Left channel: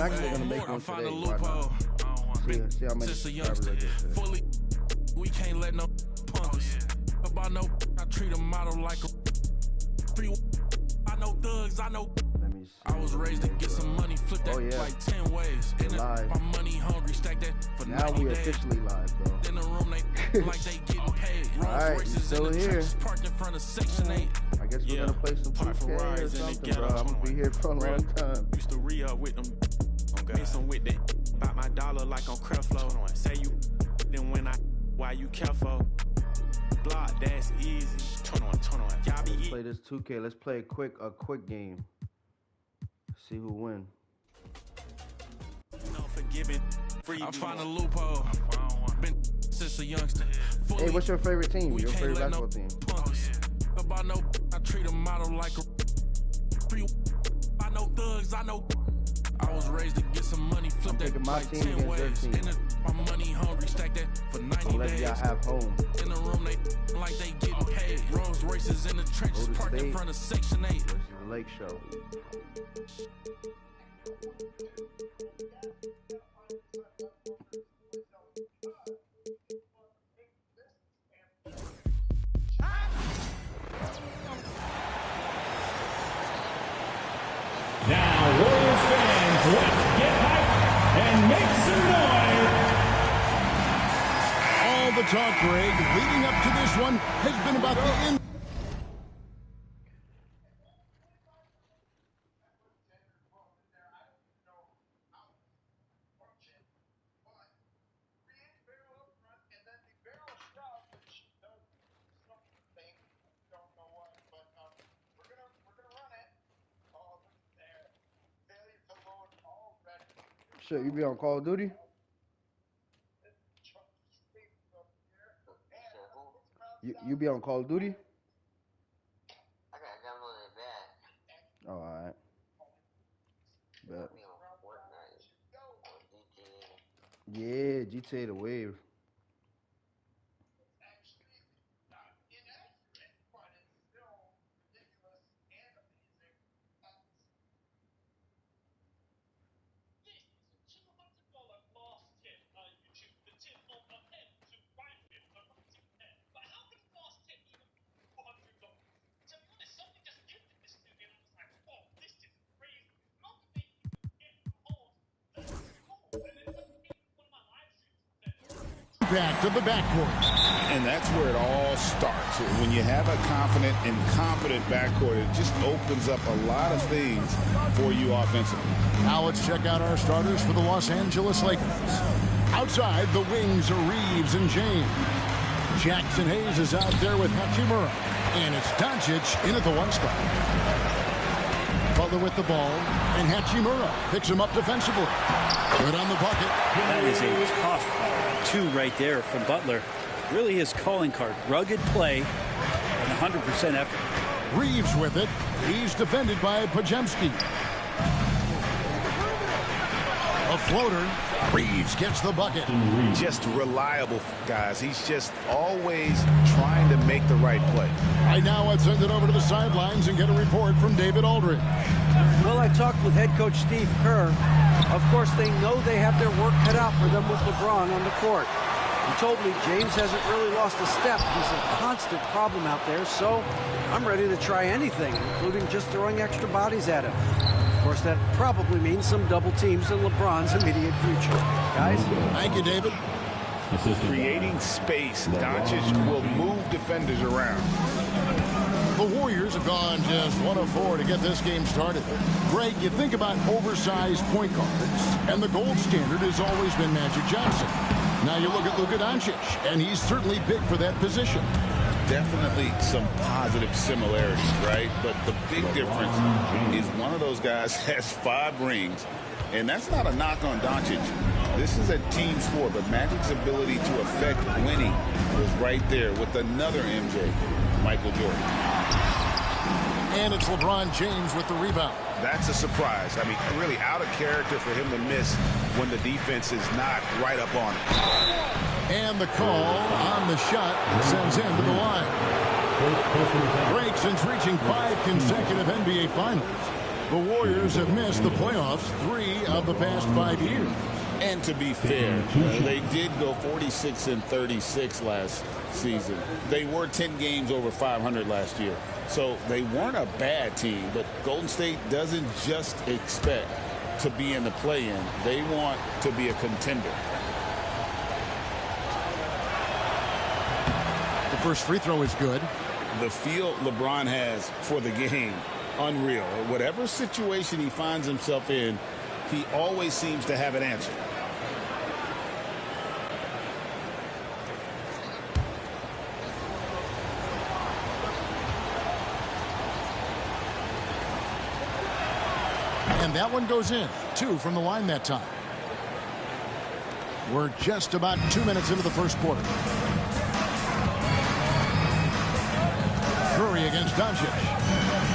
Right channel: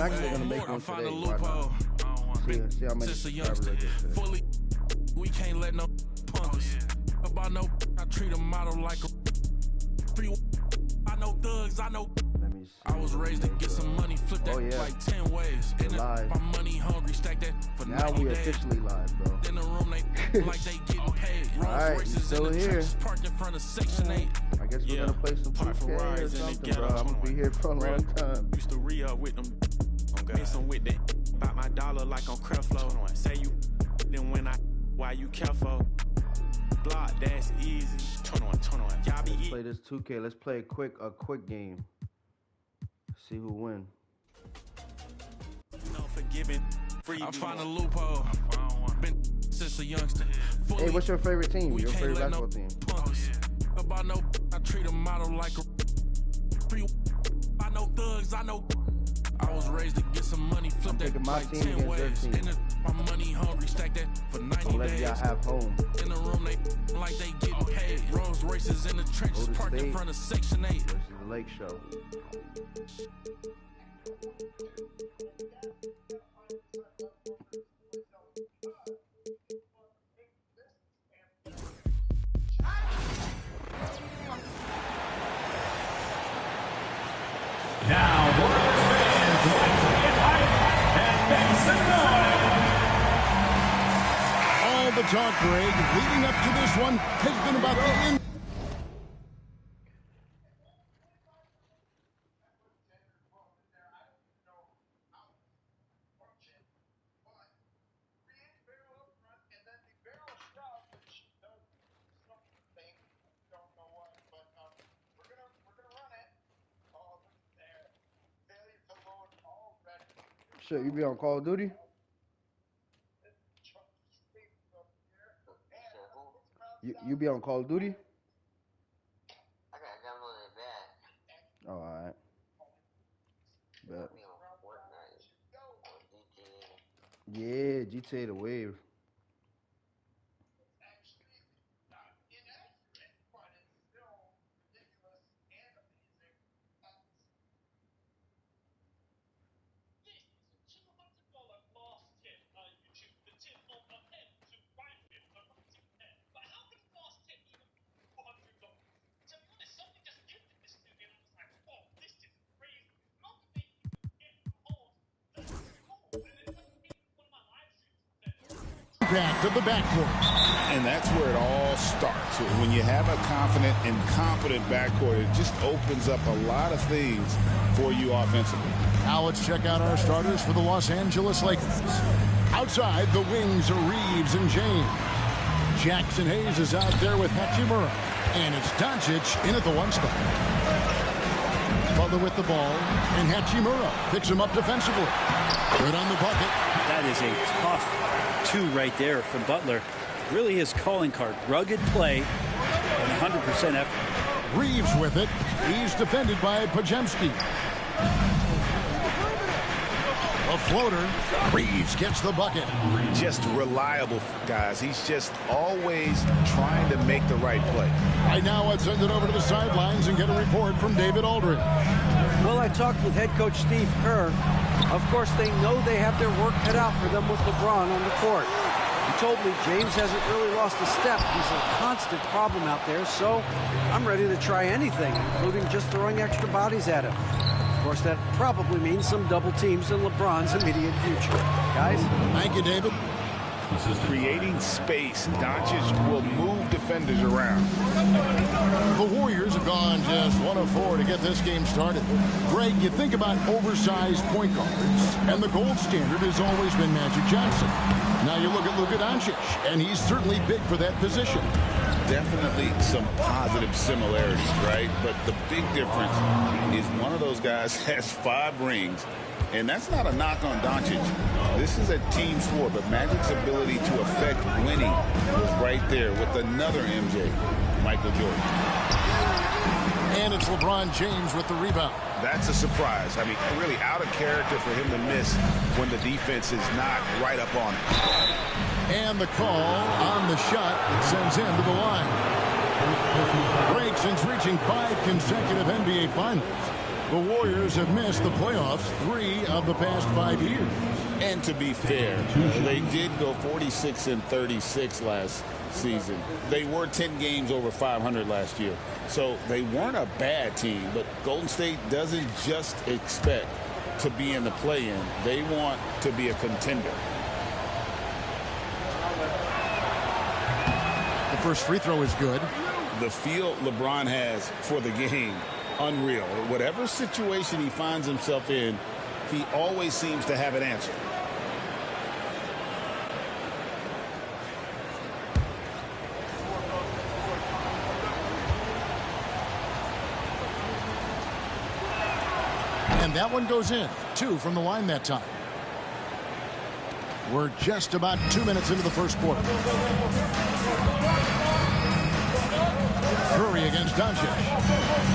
I'm actually gonna make one today. Why not? See how many subscribers I get today. Fully, we can't let no punk us. About no, I treat a model like a free. I know thugs, I know. Let me see. I was raised to get some money, flip that like 10 ways. Live. My money hungry, stack that for now 90 we days. officially live, bro. In the room, they like they getting paid. Alright, you still here. Parked in front of Section 8. I guess we're gonna play some 2K or something, bro. I'm gonna be here for a long time. Used to re-up with them. Miss them with that. About my dollar like on Creflo. Say you, then when I, why you careful? Block, that's easy. Turn on. Y'all be Let's play this 2K. Let's play a quick game. See who win. No forgiving. I find a loophole. Been since a youngster. Hey, what's your favorite team? Your favorite basketball team? About no, I treat a model like a free. I know thugs, I know. I was raised to get some money, flip that like 10 ways. My money hungry, stack that for 90 days. Y'all have home. In the room, they like they getting paid. Rolls Royces in the trenches, parked in front of Section 8. Versus the Lake Show. Now, Warriors fans, let's get hyped and make some noise. All the talk, Greg, leading up to this one has been about the end. Shit, you be on Call of Duty? You be on Call of Duty? I gotta download it back. Oh, alright. Bet. Yeah, GTA the Wave. Back to the backcourt. And that's where it all starts. When you have a confident and competent backcourt, it just opens up a lot of things for you offensively. Now let's check out our starters for the Los Angeles Lakers. Outside, the wings are Reeves and James. Jackson Hayes is out there with Hachimura. And it's Doncic in at the one spot. Butler with the ball, and Hachimura picks him up defensively. Good on the bucket. That is a tough two right there from Butler. Really his calling card. Rugged play and 100% effort. Reeves with it. He's defended by Pajemski. A floater. Reeves gets the bucket. Just reliable, guys. He's just always trying to make the right play. Right now, let's send it over to the sidelines and get a report from David Aldridge. Well, I talked with head coach Steve Kerr. Of course, they know they have their work cut out for them with LeBron on the court. He told me James hasn't really lost a step. He's a constant problem out there, so I'm ready to try anything, including just throwing extra bodies at him. Of course, that probably means some double teams in LeBron's immediate future. Guys? Thank you, David. Creating space, Doncic will move defenders around. The Warriors have gone just 1 of 4 to get this game started. Greg, you think about oversized point guards, and the gold standard has always been Magic Johnson. Now you look at Luka Doncic, and he's certainly big for that position. Definitely some positive similarities, right? But the big difference is one of those guys has 5 rings, and that's not a knock on Doncic. This is a team sport, but Magic's ability to affect winning was right there with another MJ, Michael Jordan. And it's LeBron James with the rebound. That's a surprise. I mean, really out of character for him to miss when the defense is not right up on it. And the call on the shot sends him to the line. Greg, since reaching 5 consecutive NBA Finals, The Warriors have missed the playoffs 3 of the past 5 years. And to be fair, they did go 46-36 last season. They were 10 games over 500 last year. So they weren't a bad team, but Golden State doesn't just expect to be in the play-in. They want to be a contender. The first free throw is good. The feel LeBron has for the game, unreal. Whatever situation he finds himself in, he always seems to have an answer. And that one goes in. 2 from the line that time. We're just about 2 minutes into the first quarter. Curry against Doncic.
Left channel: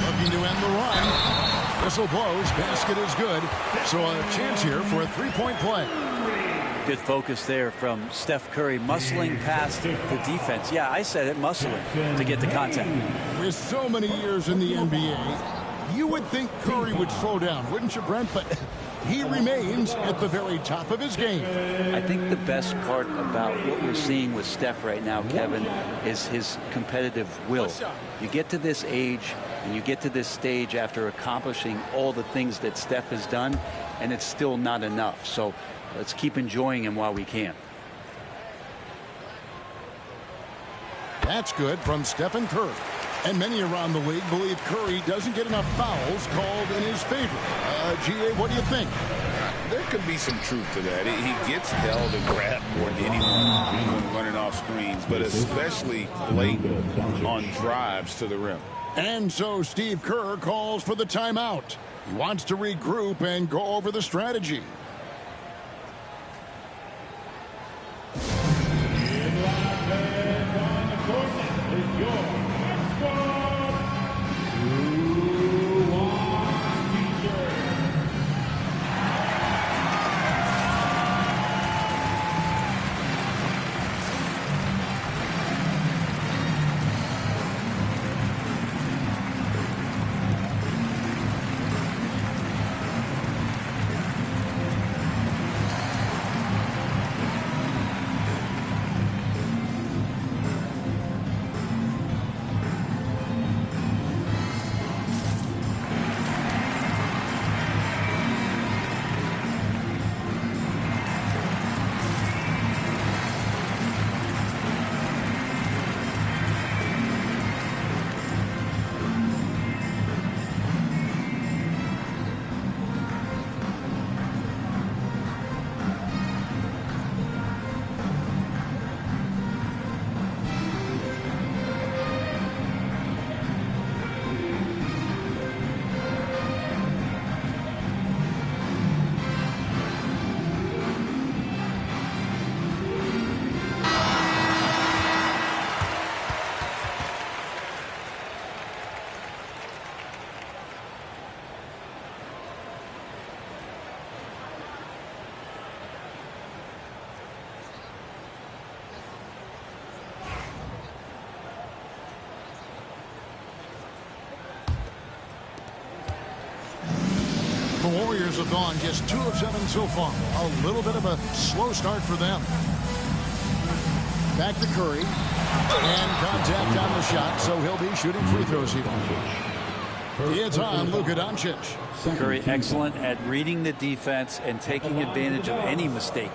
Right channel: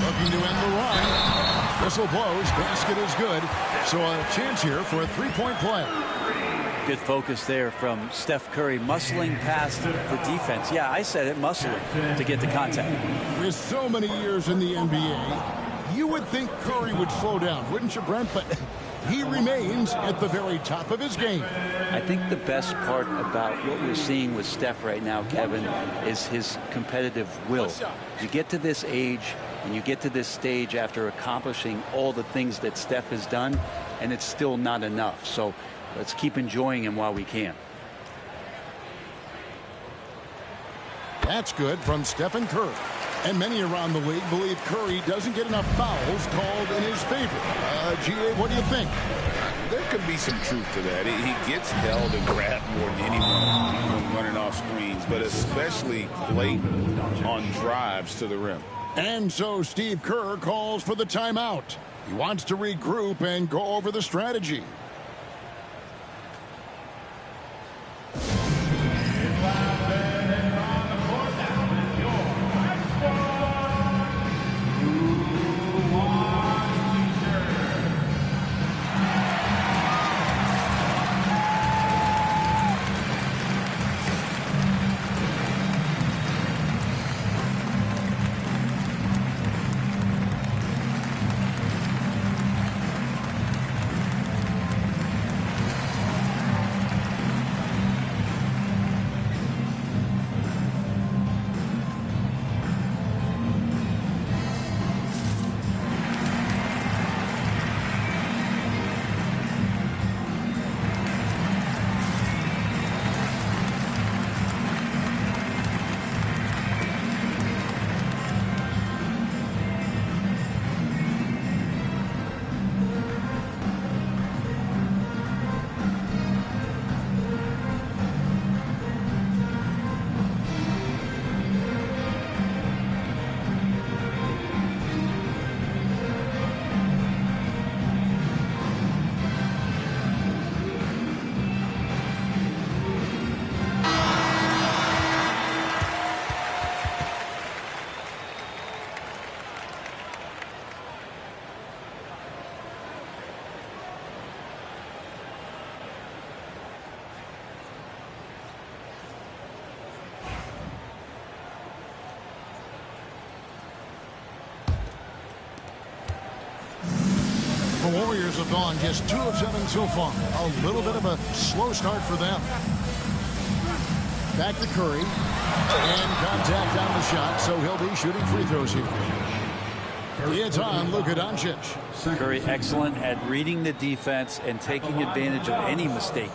Looking to end the run. Whistle blows. Basket is good. So a chance here for a three-point play. Good focus there from Steph Curry, muscling past the defense. Yeah, I said it, muscling to get the contact. With so many years in the NBA, you would think Curry would slow down, wouldn't you, Brent? But he remains at the very top of his game. I think the best part about what we're seeing with Steph right now, Kevin, is his competitive will. You get to this age and you get to this stage after accomplishing all the things that Steph has done, and it's still not enough. So let's keep enjoying him while we can. That's good from Stephen Curry. And many around the league believe Curry doesn't get enough fouls called in his favor. G.A., what do you think? There could be some truth to that. He gets held and grabbed more than anyone when running off screens, but especially late on drives to the rim. And so Steve Kerr calls for the timeout. He wants to regroup and go over the strategy. The Warriors have gone just 2 of 7 so far. A little bit of a slow start for them. Back to Curry. And contact on the shot, so he'll be shooting free throws here. It's on Luka Doncic. Curry excellent at reading the defense and taking advantage of any mistake.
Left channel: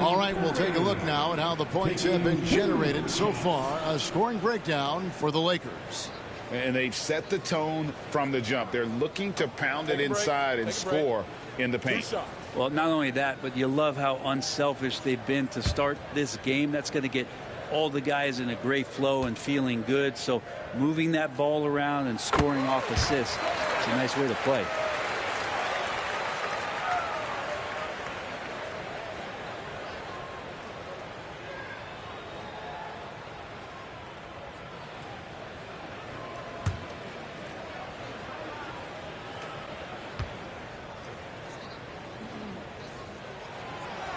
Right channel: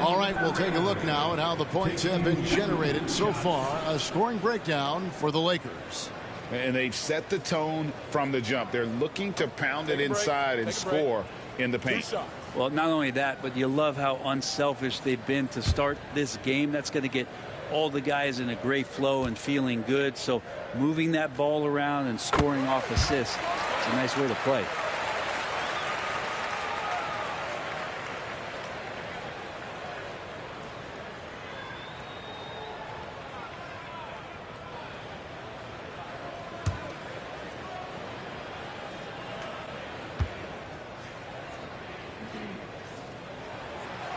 All right, we'll take a look now at how the points have been generated so far. A scoring breakdown for the Lakers. And they've set the tone from the jump. They're looking to pound it inside and score in the paint. Well, not only that, but you love how unselfish they've been to start this game. That's going to get all the guys in a great flow and feeling good. So moving that ball around and scoring off assists, it's a nice way to play.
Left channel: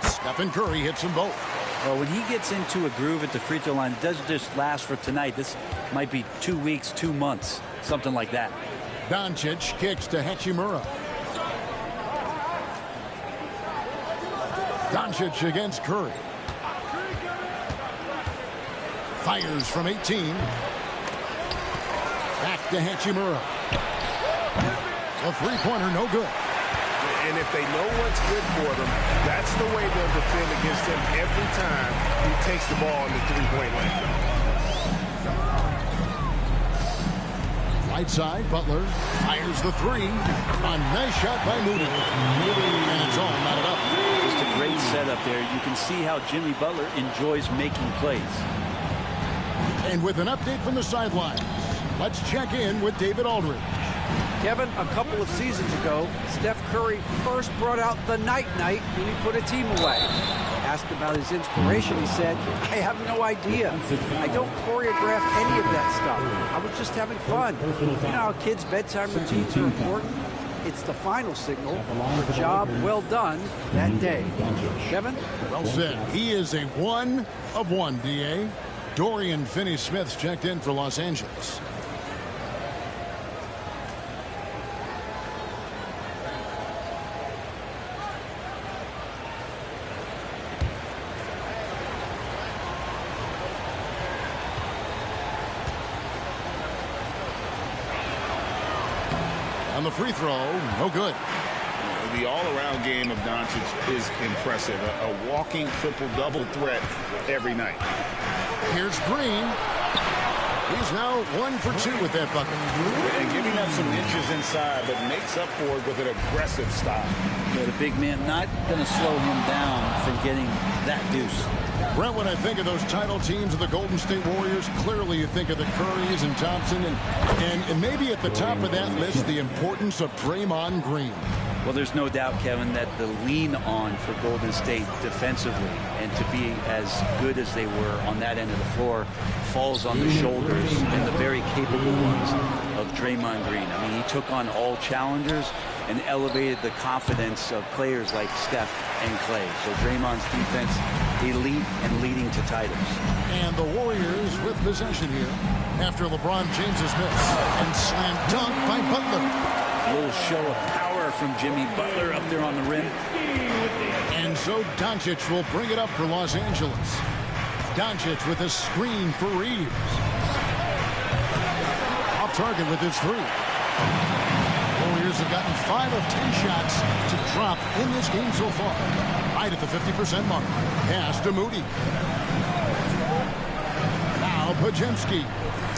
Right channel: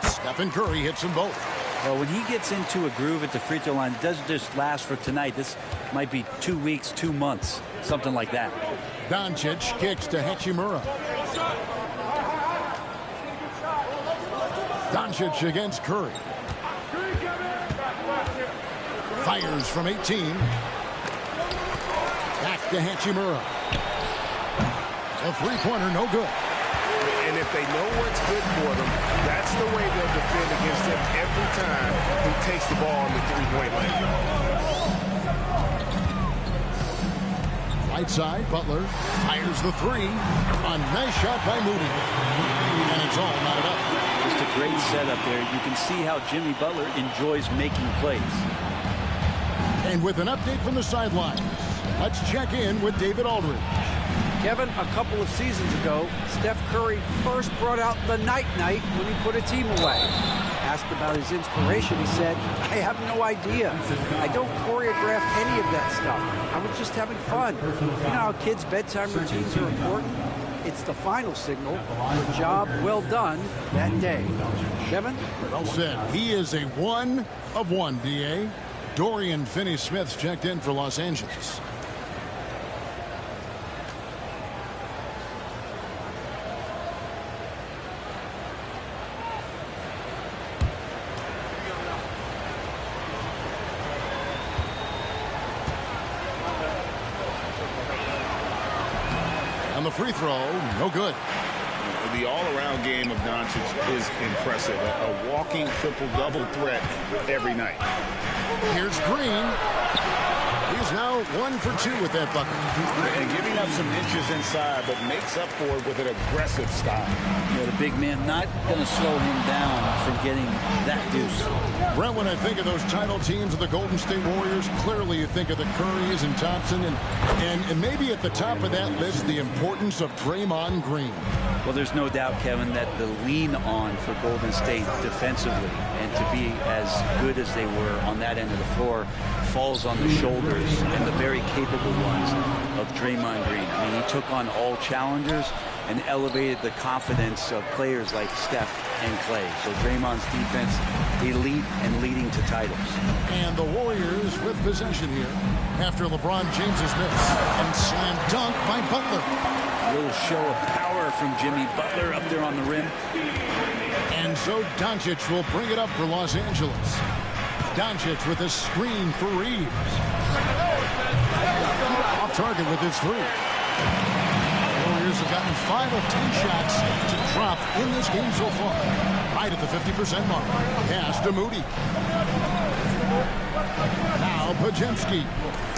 Stephen Curry hits them both. Well, when he gets into a groove at the free throw line, it doesn't just last for tonight. This might be 2 weeks, 2 months, something like that. Doncic kicks to Hachimura. Doncic against Curry. Fires from 18. Back to Hachimura. A three-pointer, no good. And if they know what's good for them, that's the way they'll defend against him every time he takes the ball in the three-point lane. Right side, Butler fires the three. A nice shot by Moody. And it's all knotted up. Just a great setup there. You can see how Jimmy Butler enjoys making plays. And with an update from the sidelines, let's check in with David Aldridge. Kevin, a couple of seasons ago, Steph Curry first brought out the night-night when he put a team away. Asked about his inspiration, he said, I have no idea. I don't choreograph any of that stuff. I was just having fun. You know how kids' bedtime routines are important? It's the final signal for job well done that day. Kevin? Well said. He is a 1 of 1, D.A. Dorian Finney-Smith's checked in for Los Angeles. On the free throw, no good. The all-around game of Doncic is impressive. A walking triple-double threat every night. Here's Green. He's now 1 for 2 with that bucket. And giving up some inches inside, but makes up for it with an aggressive style. Yeah, the big man not going to slow him down from getting that deuce. Brent, when I think of those title teams of the Golden State Warriors, clearly you think of the Currys and Thompson, and maybe at the top of that list, the importance of Draymond Green. Well, there's no doubt, Kevin, that the lean on for Golden State defensively and to be as good as they were on that end of the floor falls on the shoulders and the very capable ones of Draymond Green. I mean, he took on all challengers and elevated the confidence of players like Steph and Clay. So Draymond's defense, elite and leading to titles. And the Warriors with possession here after LeBron James's miss. And slam dunk by Butler. A little show of power from Jimmy Butler up there on the rim. And so Doncic will bring it up for Los Angeles. Doncic with a screen for Reeves. Off target with his three. Warriors have gotten 5 of 10 shots to drop in this game so far. Right at the 50% mark. Pass to Moody. Now Podziemski.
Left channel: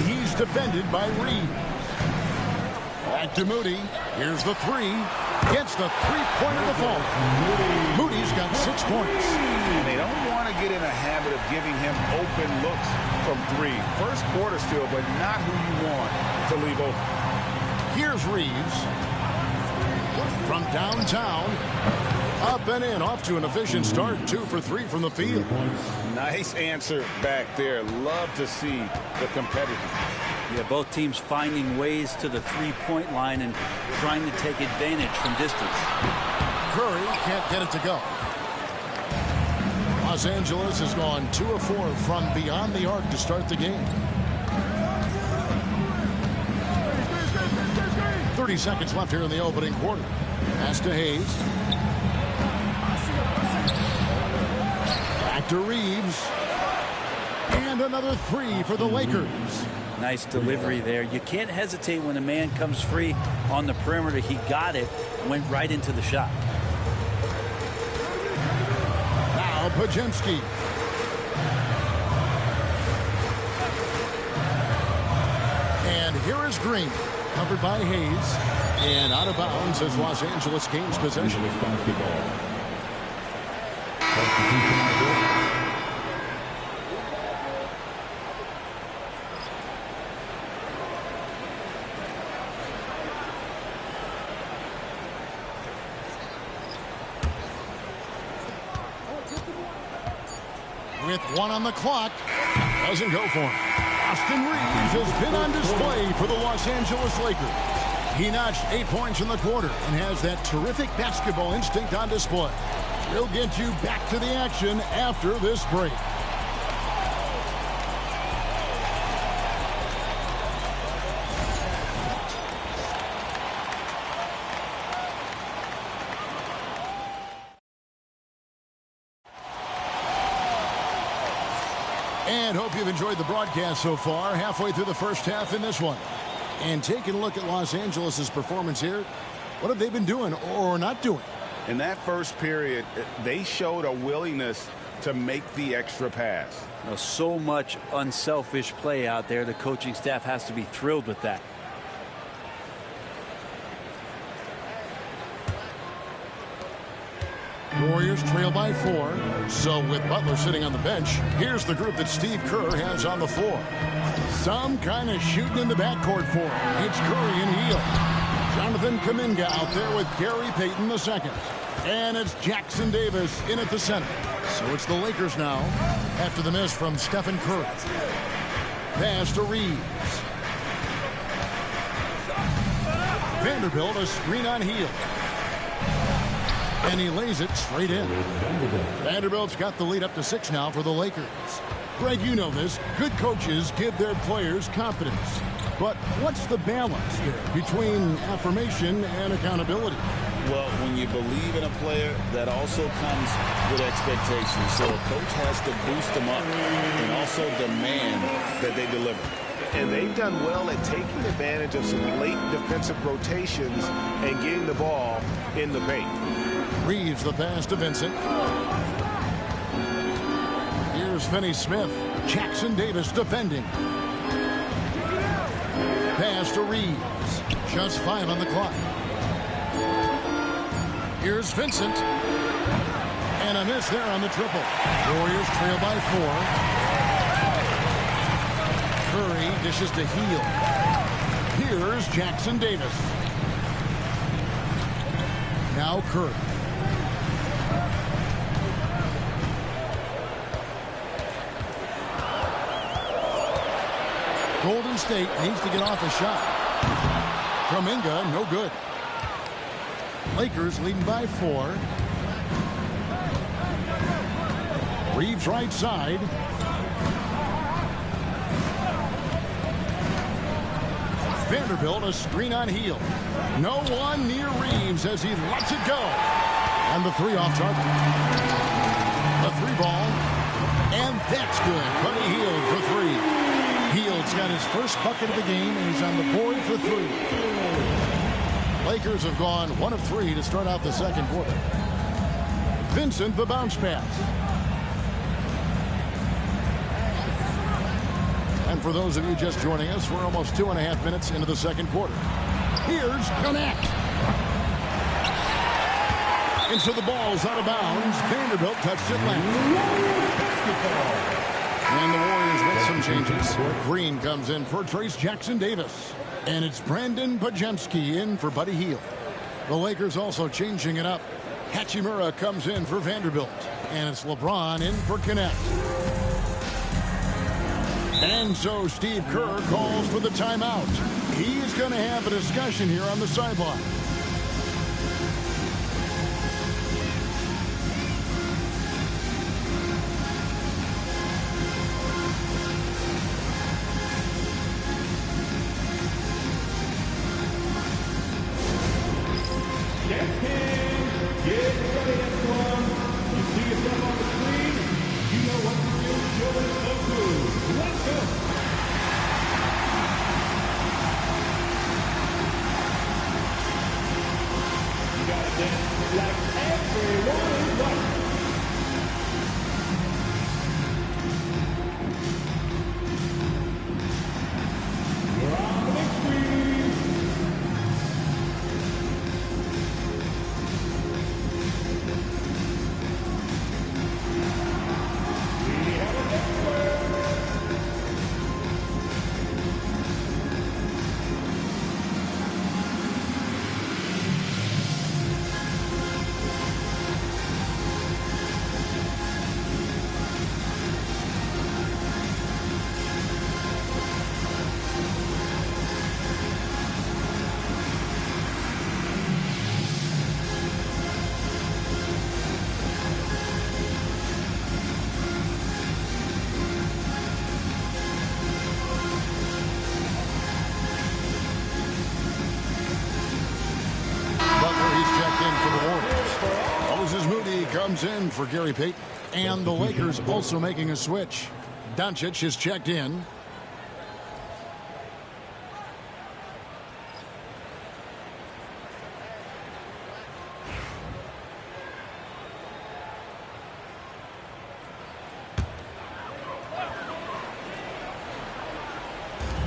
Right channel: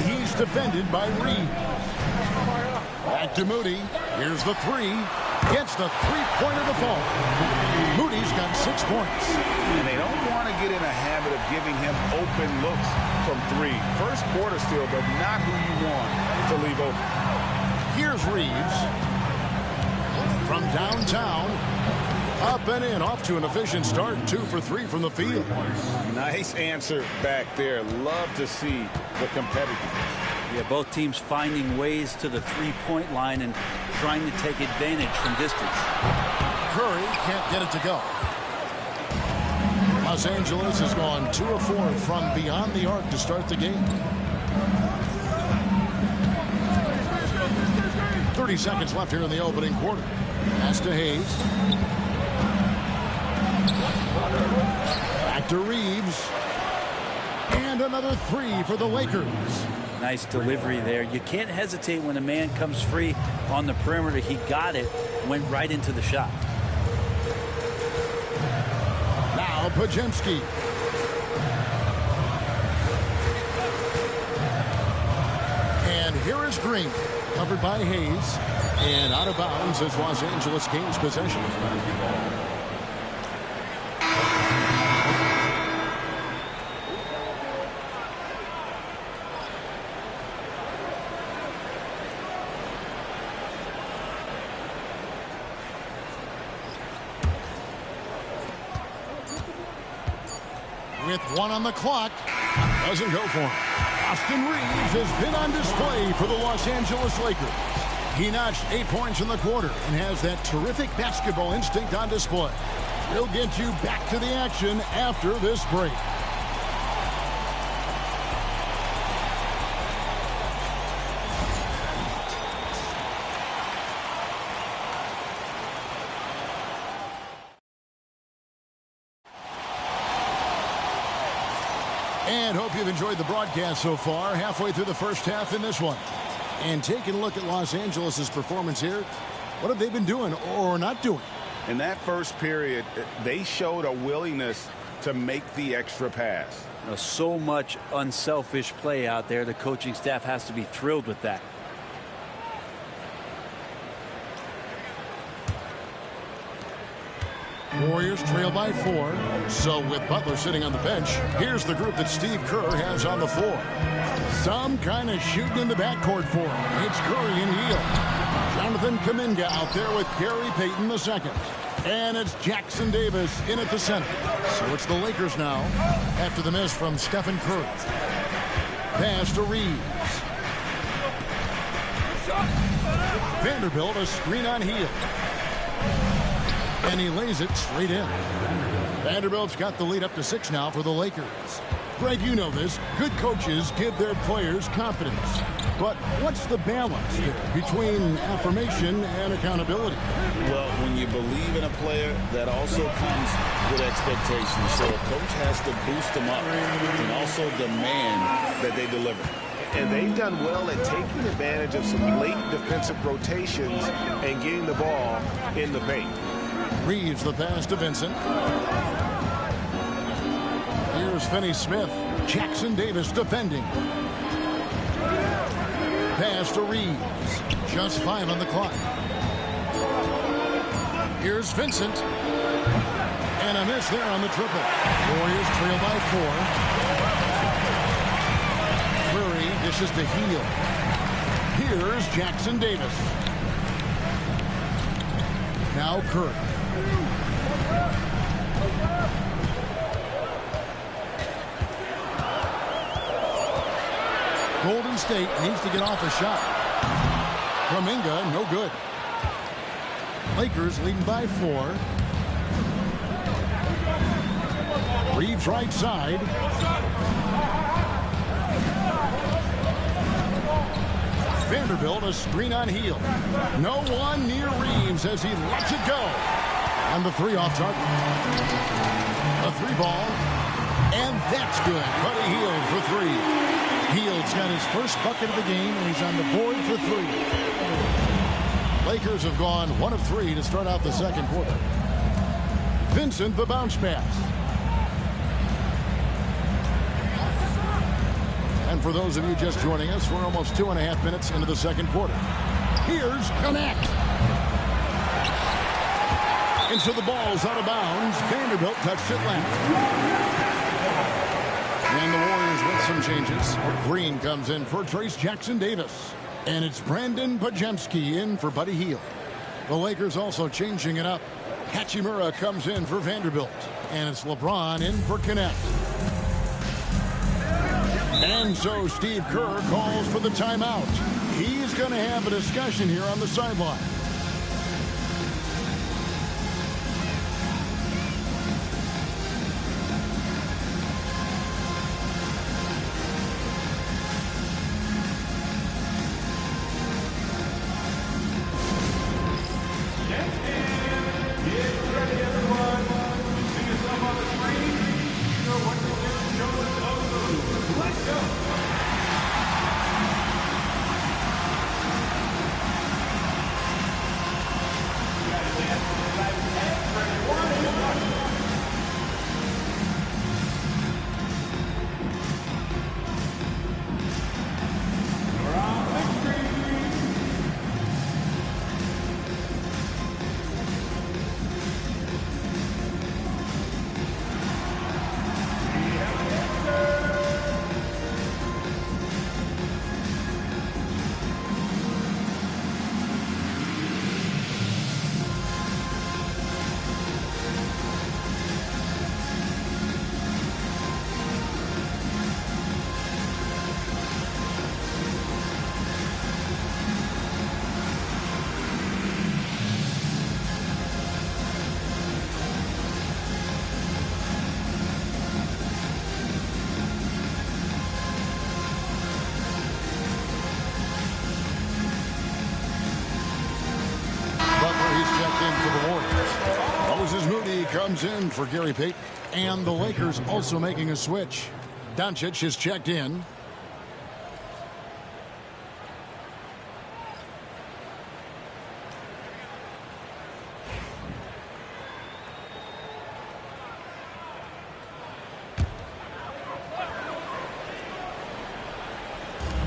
He's defended by Reeves. Back to Moody. Here's the three. Gets the three-pointer to fall. Moody's got 6 points. And they don't want to get in a habit of giving him open looks from three. First quarter still, but not who you want to leave open. Here's Reeves. From downtown. Up and in. Off to an efficient start. 2 for 3 from the field. Nice answer back there. Love to see the competitiveness. Yeah, both teams finding ways to the three-point line and trying to take advantage from distance. Curry can't get it to go. Los Angeles has gone 2 of 4 from beyond the arc to start the game. 30 seconds left here in the opening quarter. Pass to Hayes. Back to Reeves. And another three for the Lakers. Nice delivery there. You can't hesitate when a man comes free on the perimeter. He got it, went right into the shot. Now Podziemski. And here is Green, covered by Hayes. And out of bounds as Los Angeles gains possession. With 1 on the clock, doesn't go for him. Austin Reeves has been on display for the Los Angeles Lakers. He notched 8 points in the quarter and has that terrific basketball instinct on display. We'll get you back to the action after this break. And hope you've enjoyed the broadcast so far. Halfway through the first half in this one. And taking a look at Los Angeles' performance here, what have they been doing or not doing? In that first period, they showed a willingness to make the extra pass. So much unselfish play out there. The coaching staff has to be thrilled with that. Warriors trail by 4. So with Butler sitting on the bench, here's the group that Steve Kerr has on the floor. Some kind of shooting in the backcourt for him. It's Curry and Hield. Jonathan Kuminga out there with Gary Payton II. And it's Jackson Davis in at the center. So it's the Lakers now after the miss from Stephen Curry. Pass to Reeves. Vanderbilt, a screen on Hield. And he lays it straight in. Vanderbilt's got the lead up to 6 now for the Lakers. Greg, you know this. Good coaches give their players confidence. But what's the balance there between affirmation and accountability? Well, when you believe in a player, that also comes with expectations. So a coach has to boost them up and also demand that they deliver. And they've done well at taking advantage of some late defensive rotations and getting the ball in the paint. Reeves the pass to Vincent. Here's Finney-Smith. Jackson Davis defending. Pass to Reeves. Just 5 on the clock. Here's Vincent. And a miss there on the triple. Warriors trail by 4. Curry dishes to Hield. Here's Jackson Davis. Now Curry. Golden State needs to get off a shot. Kuminga, no good. Lakers leading by 4. Reeves right side. Vanderbilt, a screen on Hield. No one near Reeves as he lets it go. And the 3 off target. A 3 ball. And that's good. Buddy Hield for 3. Hield's got his first bucket of the game, and he's on the board for 3. Lakers have gone 1 of 3 to start out the second quarter. Vincent, the bounce pass. And for those of you just joining us, we're almost 2.5 minutes into the second quarter. Here's Connect. And so the ball's out of bounds. Vanderbilt touched it last. And the Warriors with some changes. Green comes in for Trace Jackson Davis. And it's Brandon Podziemski in for Buddy Hield. The Lakers also changing it up. Hachimura comes in for Vanderbilt. And it's LeBron in for Connect. And so Steve Kerr calls for the timeout. He's going to have a discussion here on the sideline. For the Warriors. Moses Moody comes in for Gary Payton. And the Lakers also making a switch. Doncic is checked in.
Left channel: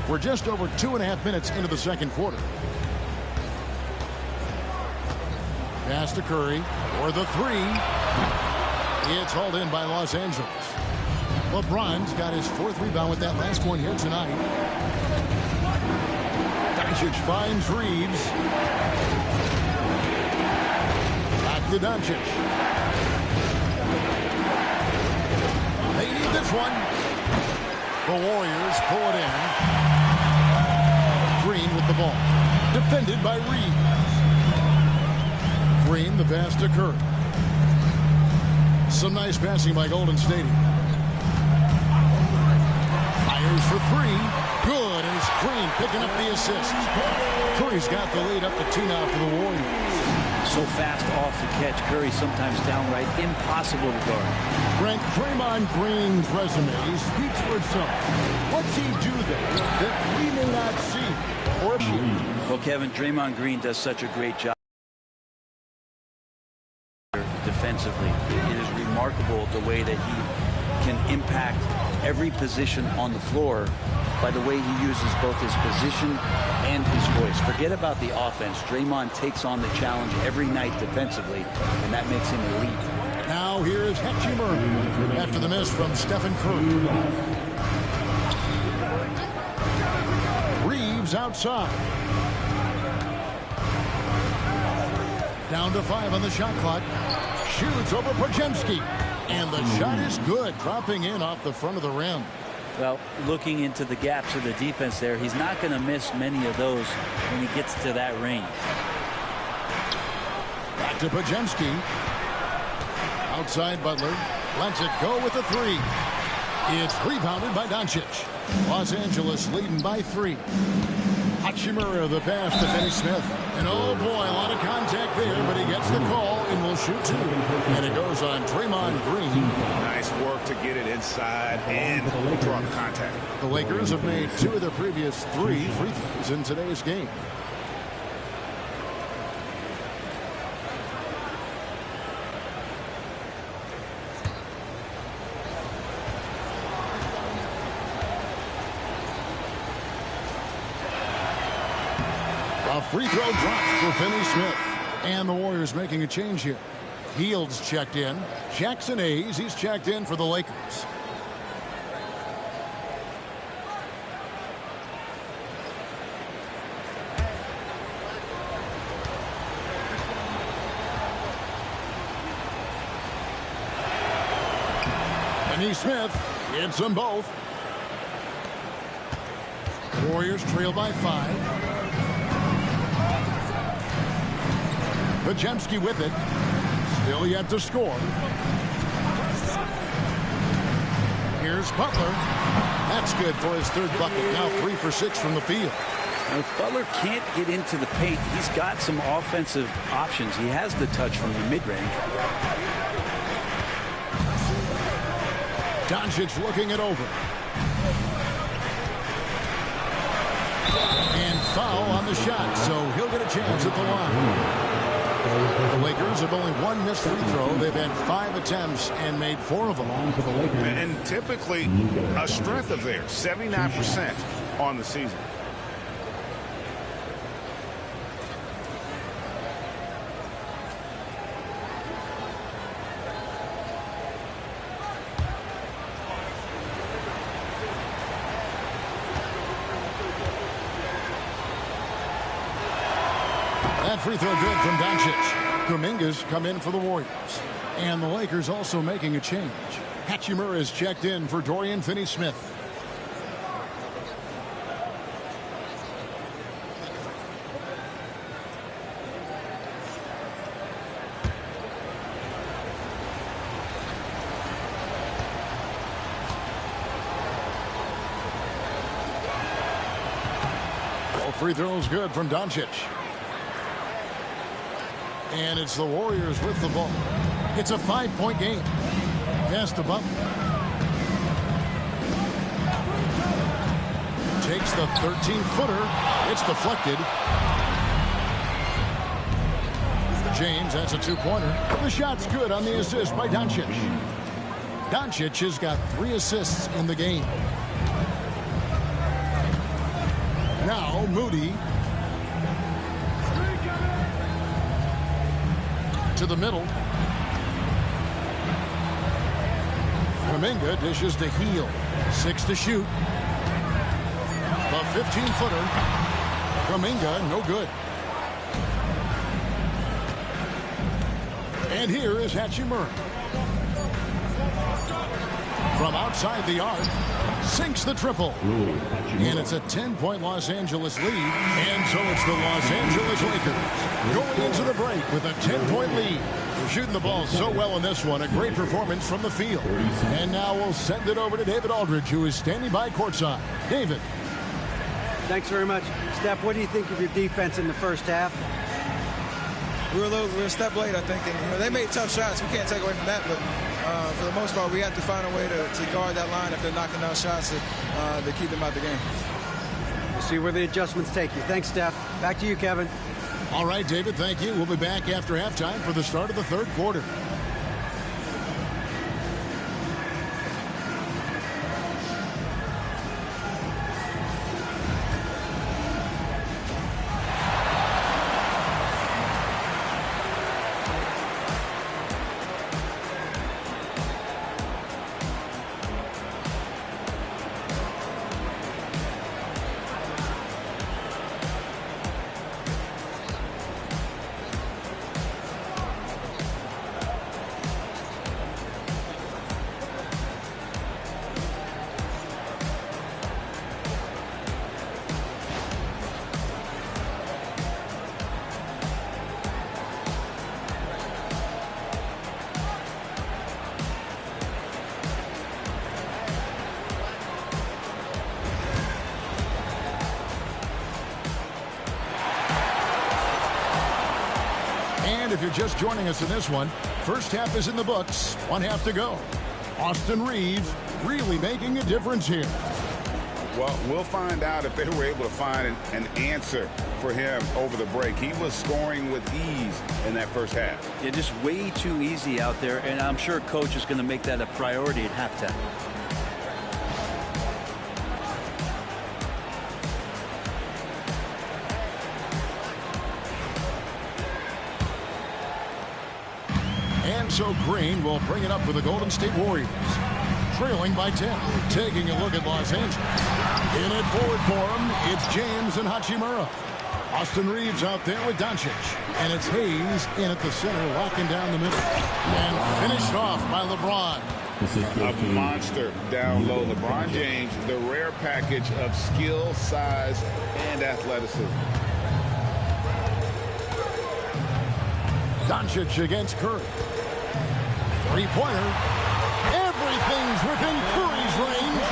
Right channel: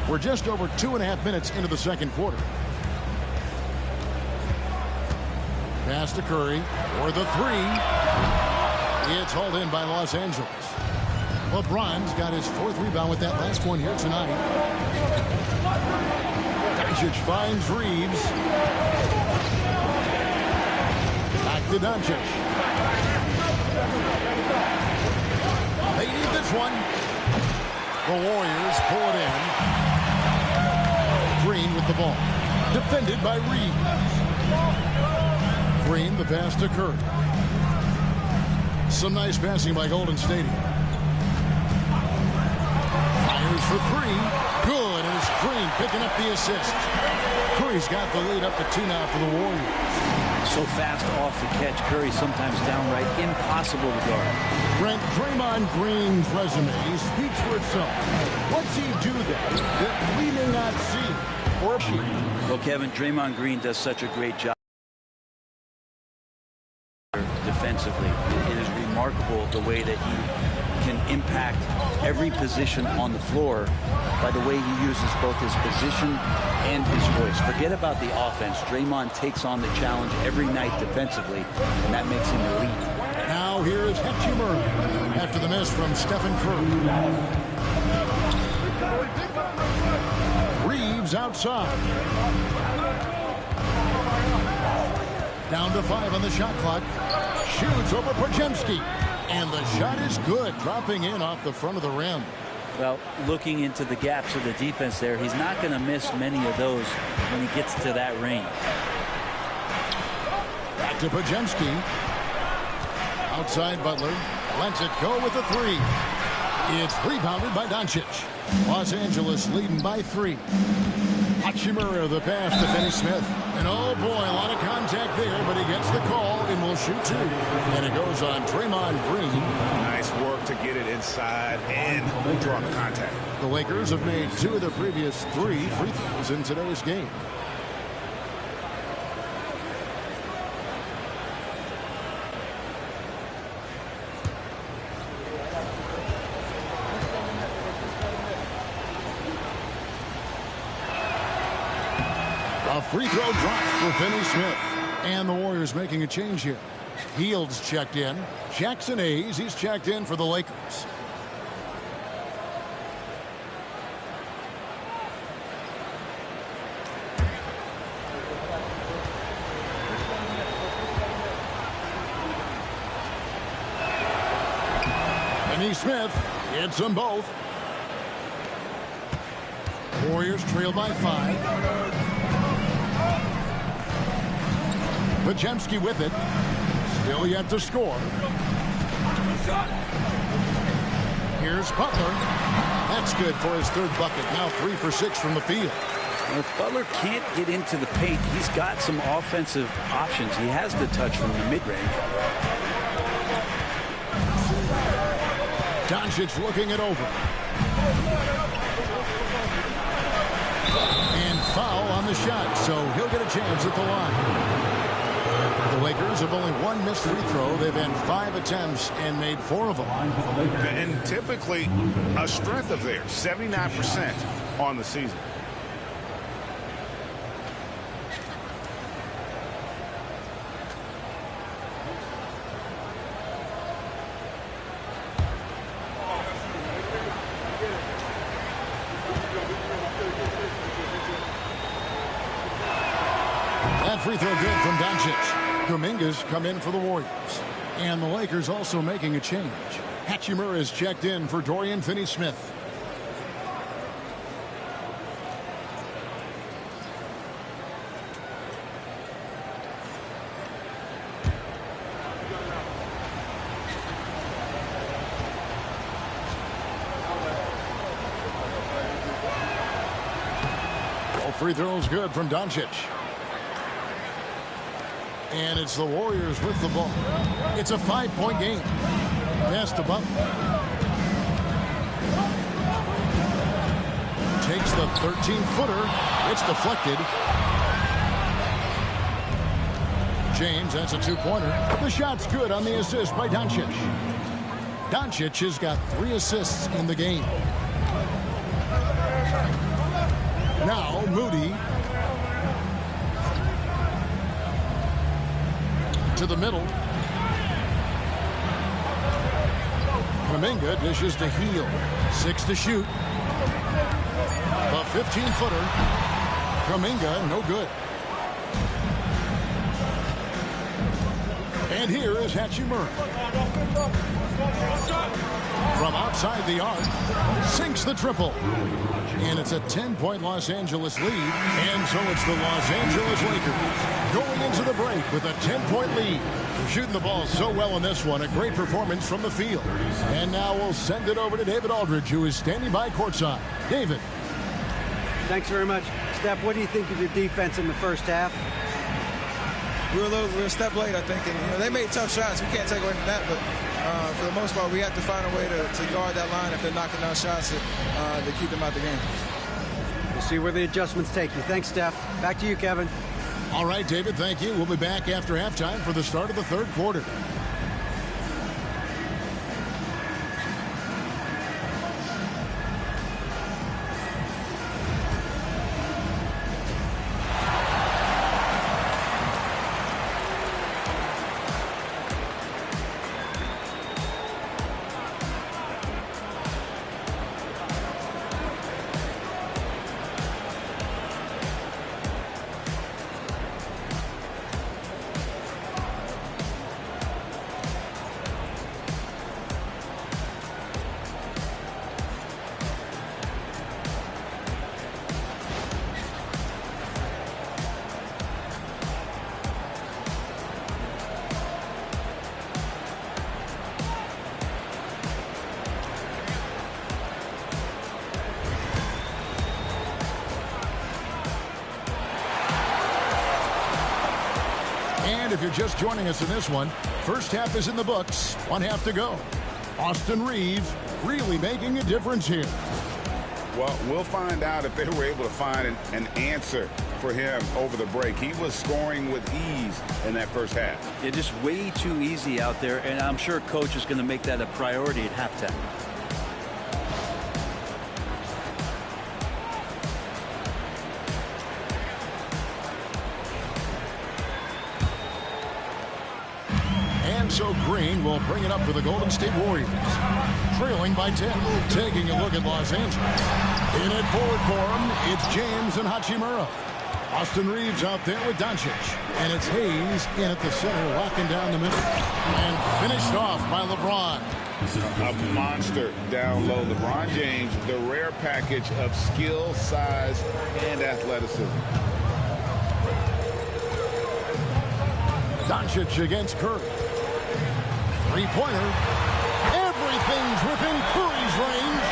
We're just over 2.5 minutes into the second quarter. Pass to Curry for the three. It's hauled in by Los Angeles. LeBron's got his 4th rebound with that last one here tonight. Doncic finds Reeves. Back to Doncic. They need this one. The Warriors pull it in. Green with the ball. Defended by Reeves. Green, the pass to Curry. Some nice passing by Golden State. Fires for 3. Good, and it's Green picking up the assist. Curry's got the lead up to 2 now for the Warriors. So fast off the catch. Curry sometimes downright impossible to guard. Brent, Draymond Green's resume speaks for itself. What's he do there that we may not see or see? Well, Kevin, Draymond Green does such a great job defensively. It is remarkable the way that he can impact every position on the floor by the way he uses both his position and his voice. Forget about the offense. Draymond takes on the challenge every night defensively, and that makes him elite. Now here is Hachimura after the miss from Stephen Curry. Reeves outside. Down to 5 on the shot clock. Shoots over Podziemski. And the shot is good, dropping in off the front of the rim. Well, looking into the gaps of the defense there, he's not going to miss many of those when he gets to that range. Back to Podziemski. Outside Butler. Lets it go with the 3. It's rebounded by Doncic. Los Angeles leading by 3. Hachimura the pass to Finney Smith. And oh boy, a lot of contact there, but he gets the call and will shoot 2. And it goes on Draymond Green. Nice work to get it inside and draw the contact. The Lakers have made 2 of their previous 3 free throws in today's game. A free throw drops for Finney Smith. And the Warriors making a change here. Hields checked in. Jackson Hayes, he's checked in for the Lakers. Finney Smith hits them both. Warriors trail by 5. Podziemski with it. Still yet to score. Here's Butler. That's good for his 3rd bucket. Now 3 for 6 from the field. Now, if Butler can't get into the paint, he's got some offensive options. He has the touch from the mid-range. Doncic looking it over. And foul on the shot, so he'll get a chance at the line. The Lakers have only 1 missed free throw. They've had 5 attempts and made 4 of them. And typically a strength of theirs, 79% on the season. That free throw good from Doncic. Kuminga's come in for the Warriors. And the Lakers also making a change. Hachimura is checked in for Dorian Finney-Smith. All free throws good from Doncic. And it's the Warriors with the ball. It's a 5-point game. Pass to Butler. takes the 13-footer. It's deflected. James has a two-pointer. The shot's good on the assist by Doncic. Doncic has got 3 assists in the game. Now Moody to the middle. Kuminga dishes to Hield. 6 to shoot. The 15-footer. Kuminga, no good. And here is Hachimura. From outside the arc, sinks the triple. And it's a 10-point Los Angeles lead. And so it's the Los Angeles Lakers going into the break with a 10-point lead. They're shooting the ball so well in this one. A great performance from the field. And now we'll send it over to David Aldridge, who is standing by courtside. David. Thanks very much. Steph, what do you think of your defense in the first half? We were a step late, I think. And, they made tough shots. We can't take away from that. But for the most part, we have to find a way to guard that line if they're knocking down shots to keep them out the game. We'll see where the adjustments take you. Thanks, Steph. Back to you, Kevin. All right, David, thank you. We'll be back after halftime for the start of the third quarter. And if you're just joining us in this one, first half is in the books, 1 half to go. Austin Reeves really making a difference here. Well, we'll find out if they were able to find an answer for him over the break. He was scoring with ease in that first half. Yeah, just way too easy out there, and I'm sure coach is going to make that a priority at halftime. And so Green will bring it up for the Golden State Warriors. Trailing by 10. Taking a look at Los Angeles. In it forward for him, it's James and Hachimura. Austin Reeves out there with Doncic. And it's Hayes in at the center, locking down the middle. And finished off by LeBron. A monster down low. LeBron James, the rare package of skill, size, and athleticism. Doncic against Curry. Three-pointer. Everything's within Curry's range.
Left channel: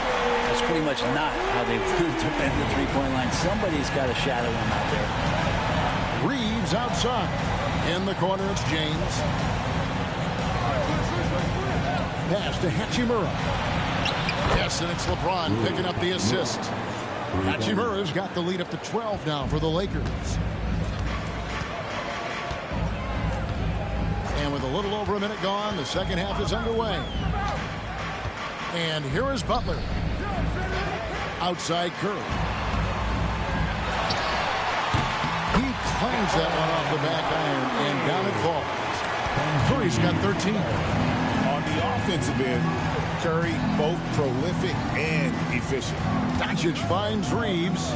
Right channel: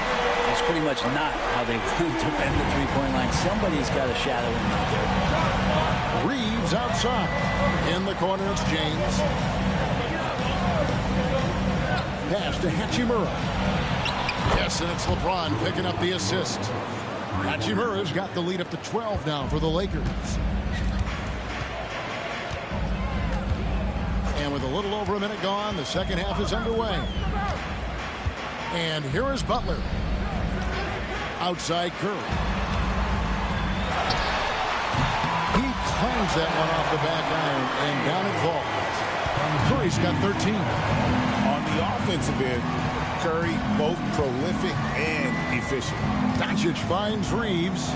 That's pretty much not how they defend the three-point line. Somebody's got to shadow him out there. Reeves outside. In the corner, it's James. Pass to Hachimura. Yes, and it's LeBron picking up the assist. Hachimura's got the lead up to 12 now for the Lakers. And with a little over a minute gone, the second half is underway. And here is Butler. Outside Curry. He clangs that one off the back iron, and down it falls. Curry's got 13. On the offensive end, Curry both prolific and efficient. Doncic finds Reeves.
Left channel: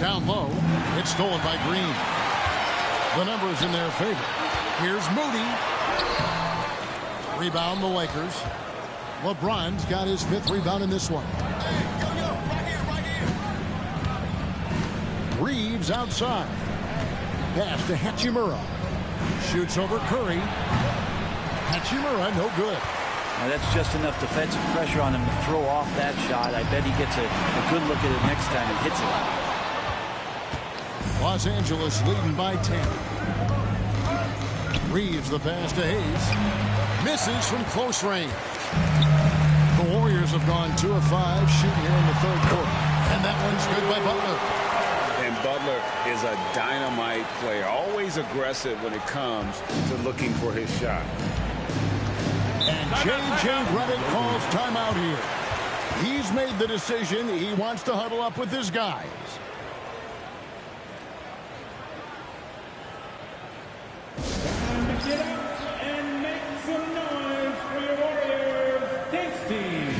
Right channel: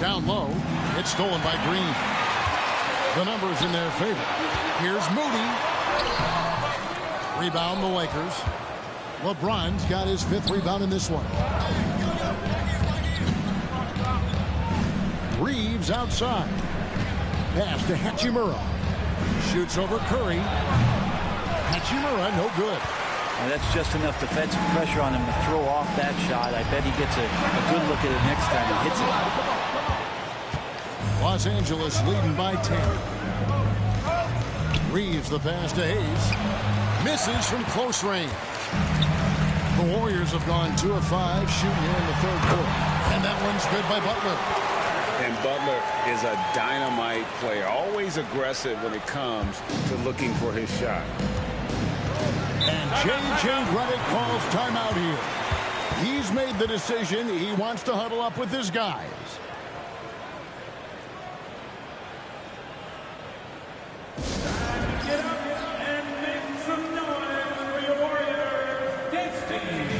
Down low. It's stolen by Green. The numbers in their favor. Here's Moody. Rebound the Lakers. LeBron's got his 5th rebound in this one. Reeves outside. Pass to Hachimura. Shoots over Curry. Hachimura, no good. Now that's just enough defensive pressure on him to throw off that shot. I bet he gets a good look at it next time and hits it. Los Angeles leading by 10. Reeves the pass to Hayes. Misses from close range. The Warriors have gone 2 of 5 shooting here in the third quarter. And that one's good by Butler. And Butler is a dynamite player, always aggressive when it comes to looking for his shot. And J.J. Redick calls timeout here. He's made the decision. He wants to huddle up with his guys. Get up and make some noise for your Warriors dance team.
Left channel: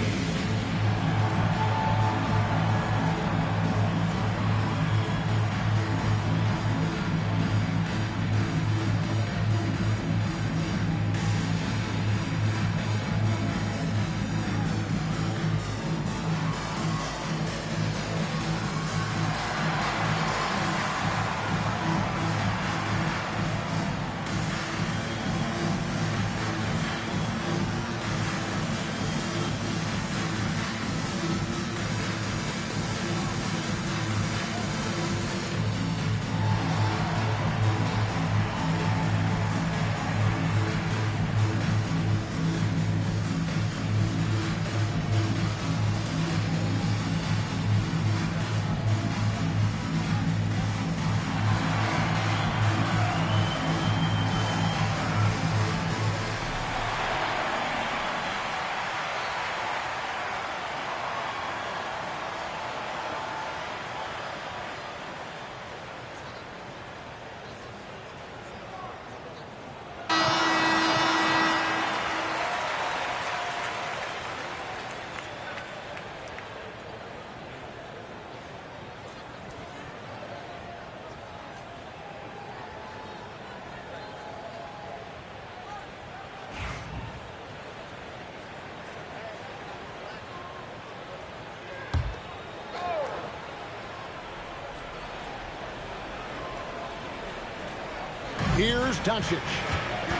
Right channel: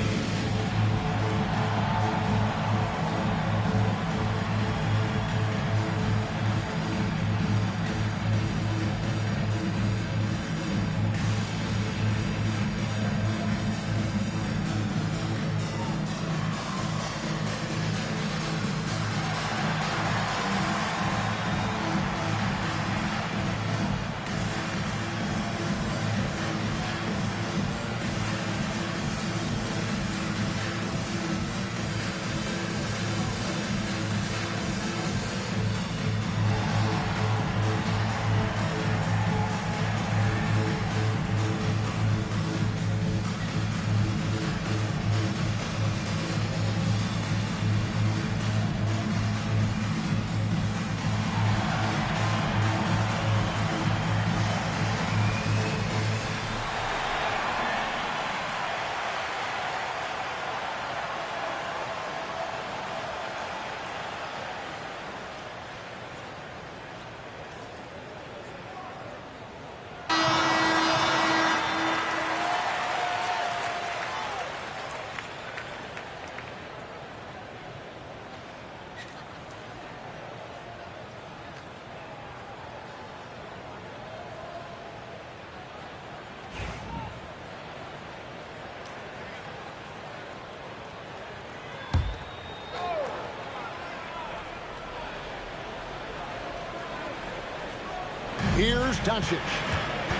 Here's Doncic.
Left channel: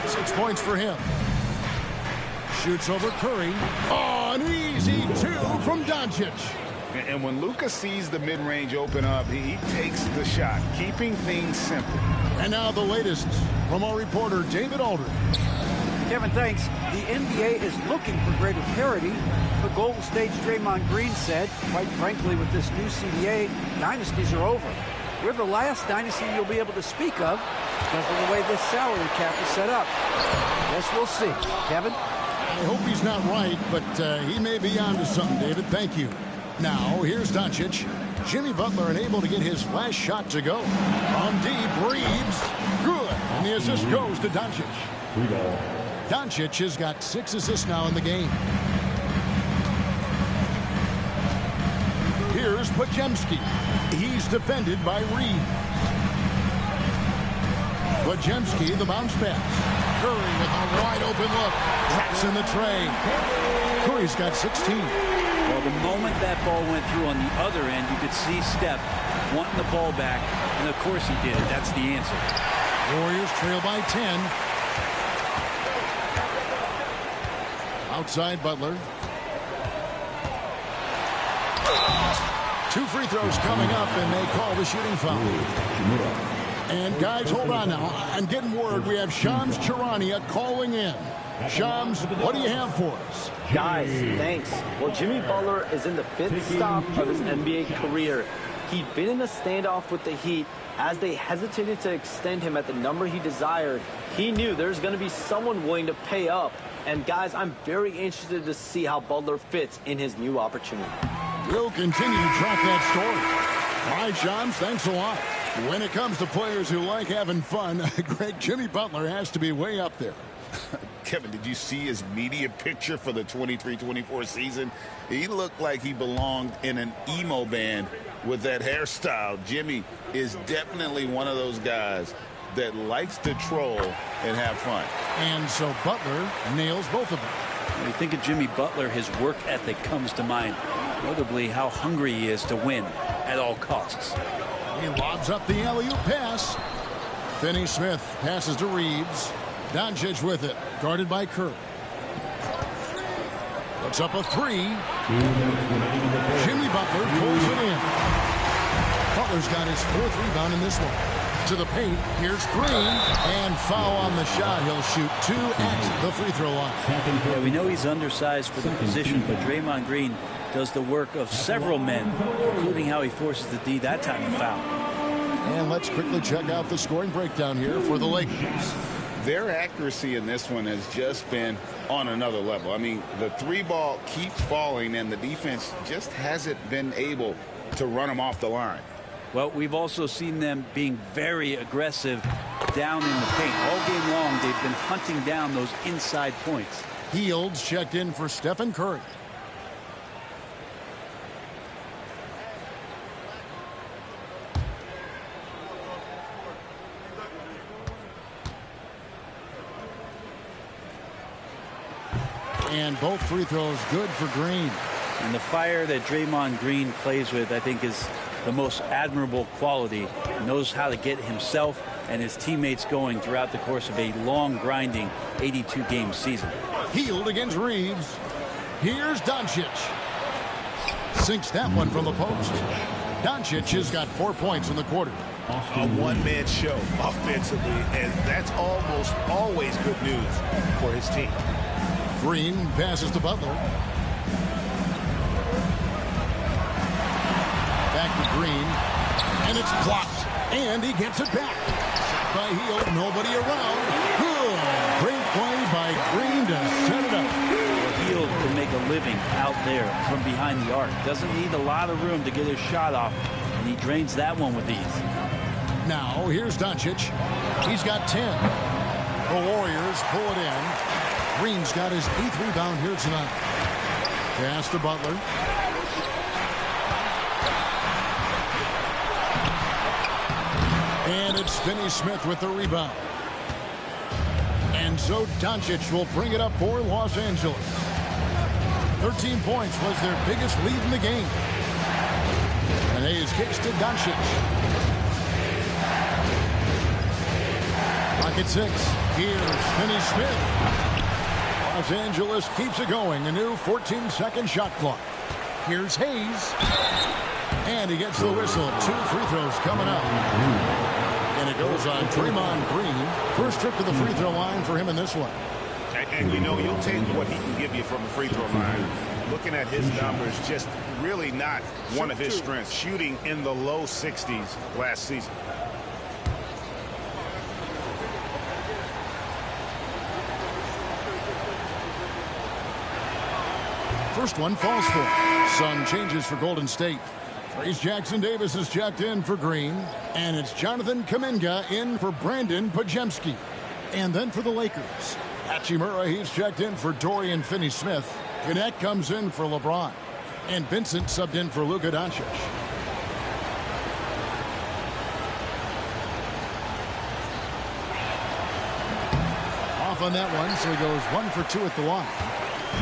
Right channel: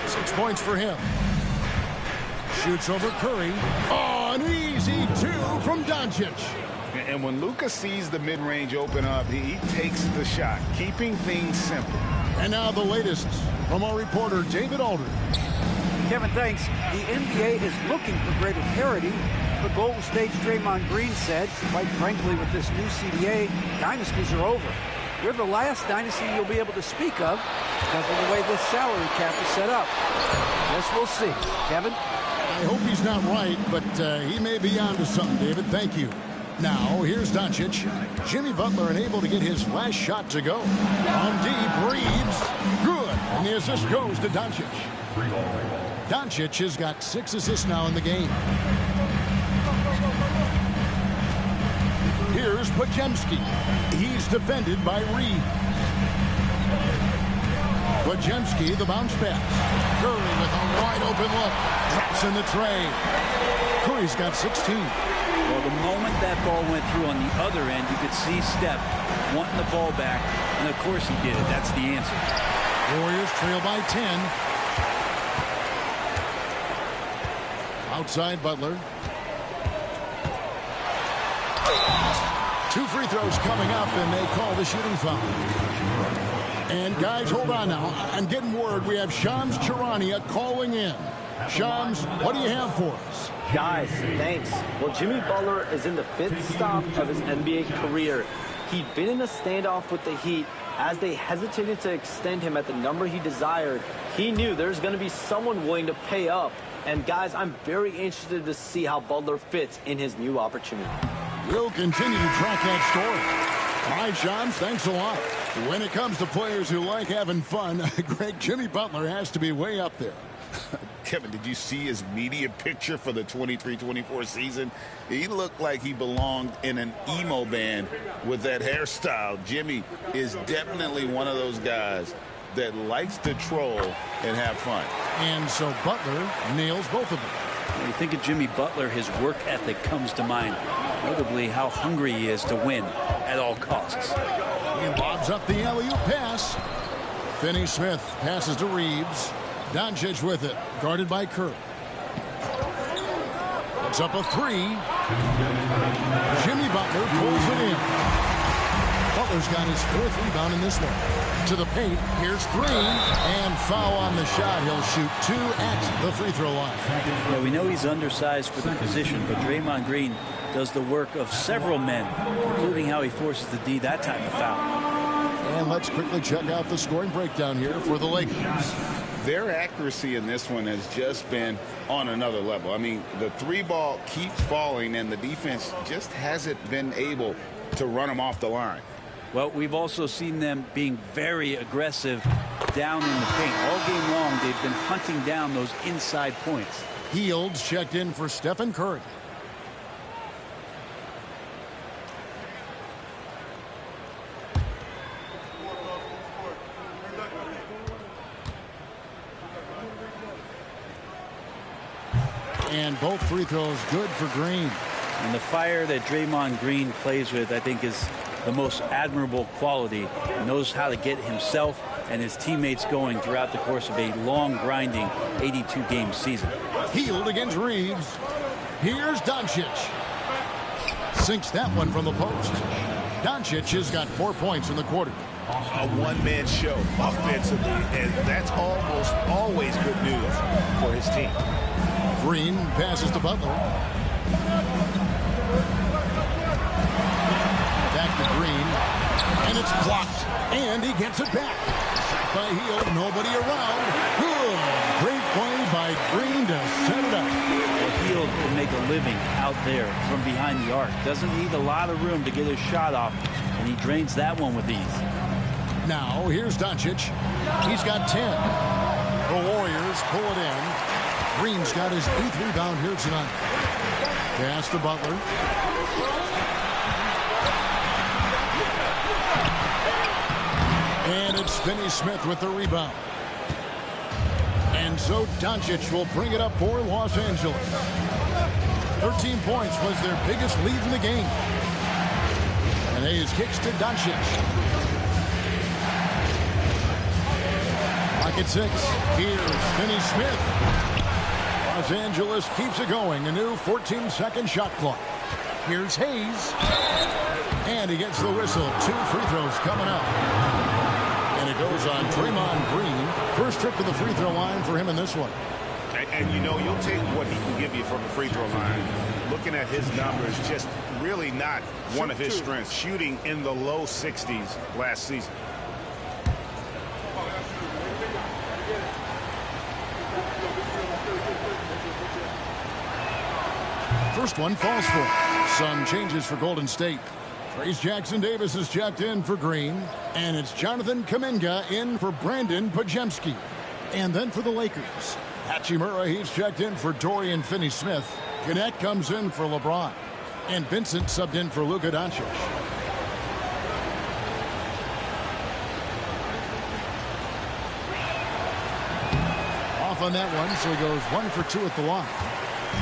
6 points for him. Shoots over Curry. Oh, an easy 2 from Doncic. And when Luka sees the mid-range open up, he takes the shot, keeping things simple. And now the latest from our reporter, David Aldridge. Kevin, thanks. The NBA is looking for greater parity. The Golden State's Draymond Green said, quite frankly, with this new CBA, dynasties are over. We're the last dynasty you'll be able to speak of because of the way this salary cap is set up. Guess we'll see. Kevin? I hope he's not right, but he may be onto something, David. Thank you. Now, here's Doncic. Jimmy Butler unable to get his last shot to go. On deep, Reeves. Good. And the assist goes to Doncic. Doncic has got 6 assists now in the game. Here's Podziemski. He's defended by Reeves. Podziemski, the bounce pass. Curry with a wide open look. Drops in the tray. Curry's got 16. Well, the moment that ball went through on the other end, you could see Steph wanting the ball back, and of course he did it. That's the answer. Warriors trail by 10. Outside Butler. 2 free throws coming up, and they call the shooting foul. And guys, hold on now. I'm getting word we have Shams Charania calling in. Shams, what do you have for us? Guys, thanks. Well, Jimmy Butler is in the 5th stop of his NBA career. He'd been in a standoff with the Heat. As they hesitated to extend him at the number he desired, he knew there's going to be someone willing to pay up. And guys, I'm very interested to see how Butler fits in his new opportunity. We'll continue to track that story. All right, Shams, thanks a lot. When it comes to players who like having fun, Greg, Jimmy Butler has to be way up there. Kevin, did you see his media picture for the 23-24 season? He looked like he belonged in an emo band with that hairstyle. Jimmy is definitely one of those guys that likes to troll and have fun. And so Butler nails both of them. When you think of Jimmy Butler, his work ethic comes to mind. Notably how hungry he is to win at all costs. He lobs up the alley-oop pass. Finney-Smith passes to Reeves. Doncic with it, guarded by Curry. Puts up a 3. Jimmy Butler pulls it in. Butler's got his 4th rebound in this one. To the paint. Here's Green. And foul on the shot. He'll shoot 2 at the free throw line. Yeah, we know he's undersized for the position, but Draymond Green does the work of several men, including how he forces the D that time to foul. And let's quickly check out the scoring breakdown here for the Lakers. Their accuracy in this one has just been on another level. I mean, the 3-ball keeps falling, and the defense just hasn't been able to run them off the line. Well, we've also seen them being very aggressive down in the paint. All game long, they've been hunting down those inside points. Hields checked in for Stephen Curry. And both free throws good for Green. And the fire that Draymond Green plays with, I think, is the most admirable quality. He knows how to get himself and his teammates going throughout the course of a long, grinding 82-game season. Hield against Reeves. Here's Doncic. Sinks that one from the post. Doncic has got 4 points in the quarter. A one-man show offensively, and that's almost always good news for his team. Green passes to Butler. Back to Green. And it's blocked. And he gets it back. Shot by Hield. Nobody around. Good. Great play by Green to set it up. Well, Hield can make a living out there from behind the arc. Doesn't need a lot of room to get his shot off. And he drains that one with ease. Now, here's Doncic. He's got 10. The Warriors pull it in. Green's got his 8th rebound here tonight. Pass to Butler. And it's Finney-Smith with the rebound. And so Doncic will bring it up for Los Angeles. 13 points was their biggest lead in the game. And Hayes kicks to Doncic. Lock at 6. Here's Finney-Smith. Los Angeles keeps it going. A new 14-second shot clock. Here's Hayes. And he gets the whistle. 2 free throws coming up. And it goes on Draymond Green. First trip to the free throw line for him in this one. And you know, you'll take what he can give you from the free throw line. Looking at his numbers, just really not one of his strengths. Shooting in the low 60s last season. First one falls for. Some changes for Golden State. Trayce Jackson-Davis is checked in for Green. And it's Jonathan Kuminga in for Brandon Podziemski. And then for the Lakers, Hachimura, he's checked in for Dorian Finney-Smith. Gannett comes in for LeBron. And Vincent subbed in for Luka Doncic. Off on that one, so he goes 1 for 2 at the line.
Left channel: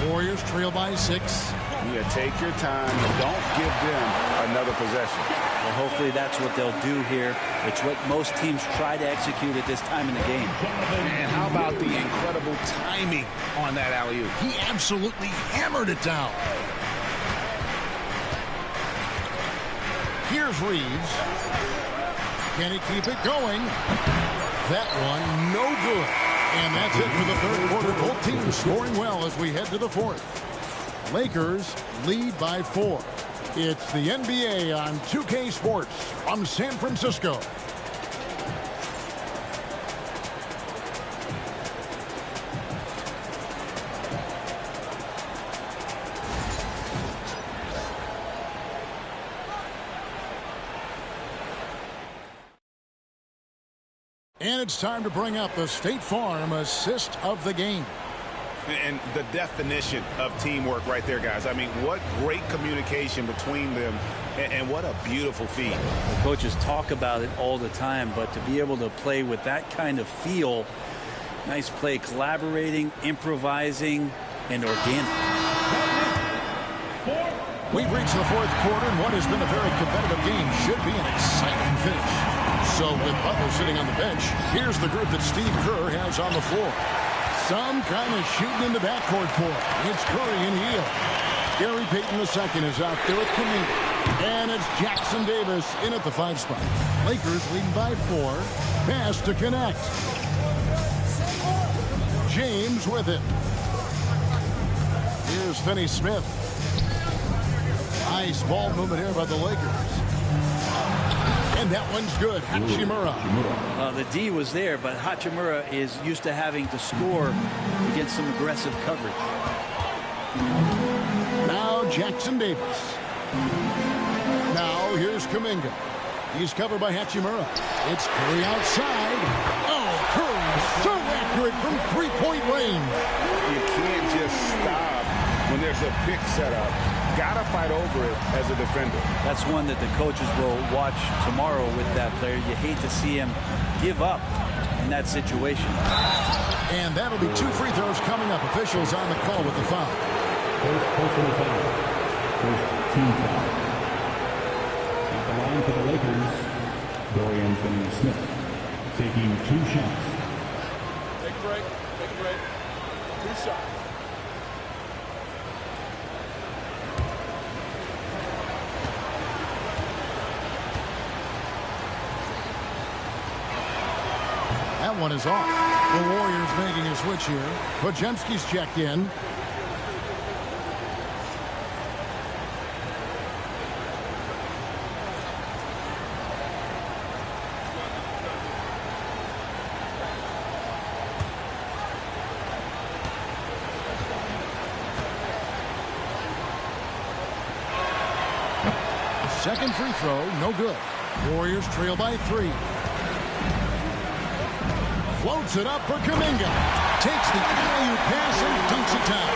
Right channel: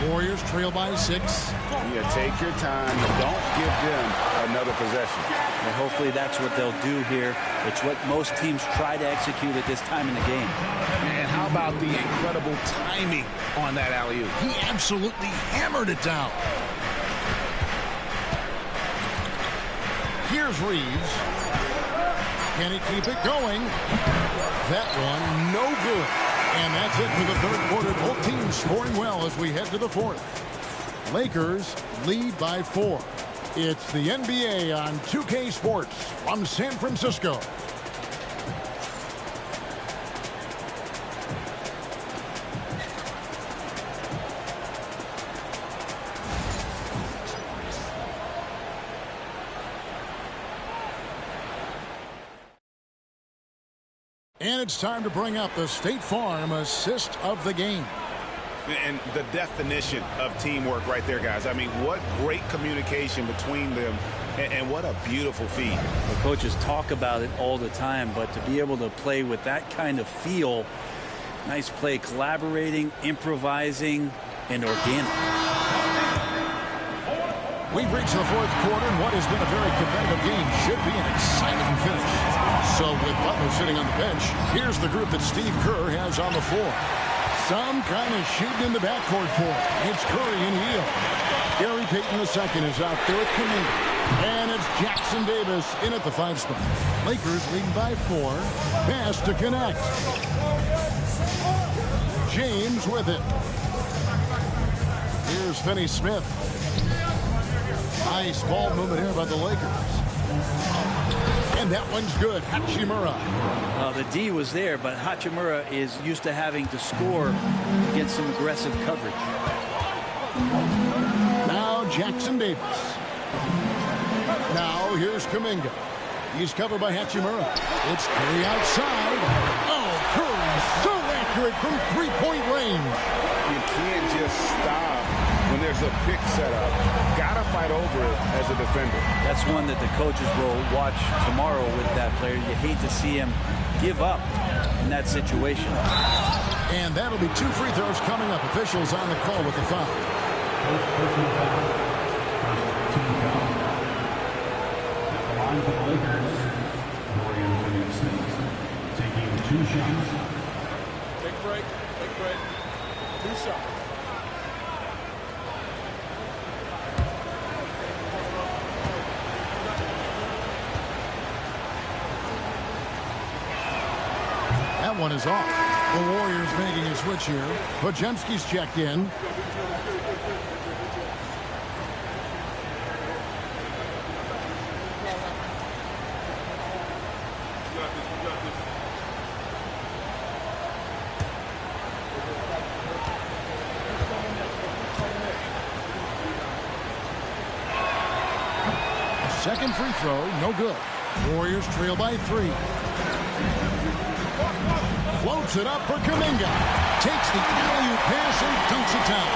Warriors trail by 6. Yeah, take your time. Don't give them another possession. Well, hopefully that's what they'll do here. It's what most teams try to execute at this time in the game. And how about the incredible timing on that alley-oop? He absolutely hammered it down. Here's Reeves. Can he keep it going? That one, no good. And that's it for the third quarter. Both teams scoring well as we head to the fourth. Lakers lead by 4. It's the NBA on 2K Sports from San Francisco. And it's time to bring up the State Farm assist of the game. And the definition of teamwork right there, guys. I mean, what great communication between them, and what a beautiful feed. The coaches talk about it all the time, but to be able to play with that kind of feel, nice play, collaborating, improvising, and organic. We've reached the fourth quarter, and what has been a very competitive game should be an exciting finish. So with Butler sitting on the bench, here's the group that Steve Kerr has on the floor. Some kind of shooting in the backcourt for him. It's Curry and Hield. Gary Payton II is out there with Kuminga. And it's Jackson Davis in at the 5 spot. Lakers leading by 4. Pass to connect. James with it. Here's Finney Smith. Nice ball movement here by the Lakers. And that one's good. Hachimura. The D was there, but Hachimura is used to having to score against some aggressive coverage. Now Jackson Davis. Now here's Kuminga. He's covered by Hachimura. It's Curry outside. Oh, Curry so accurate from three-point range. You can't just stop when there's a pick set up. Gotta fight over it as a defender. That's one that the coaches will watch tomorrow with that player. You hate to see him give up in that situation. And that'll be 2 free throws coming up. Officials on the call with the foul. First personal foul. First team foul. At the line for the Lakers, Dorian Finney-Smith taking 2 shots. Take a break. Take a break. 2 shots. That one is off. The Warriors making a switch here. Podziemski's checked in. Second free throw, no good. Warriors trail by 3. Floats it up for Kuminga. Takes the alley-oop pass and dunks it down.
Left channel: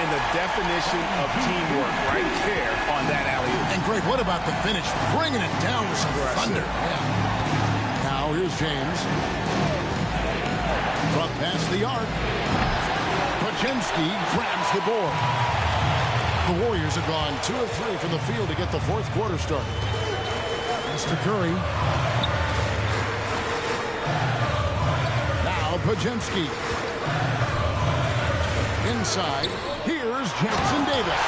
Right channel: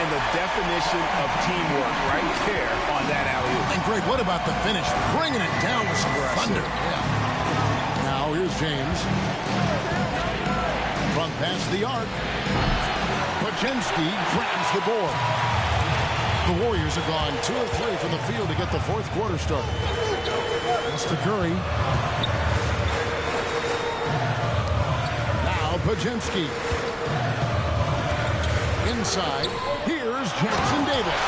And the definition of teamwork right there on that alley-oop. And Greg, what about the finish? Bringing it down with some thunder. Yeah. Now here's James. Front past the arc. Podziemski grabs the board. The Warriors have gone 2 of 3 from the field to get the 4th quarter started. That's to Curry. Now Podziemski. Inside. Here's Jackson Davis.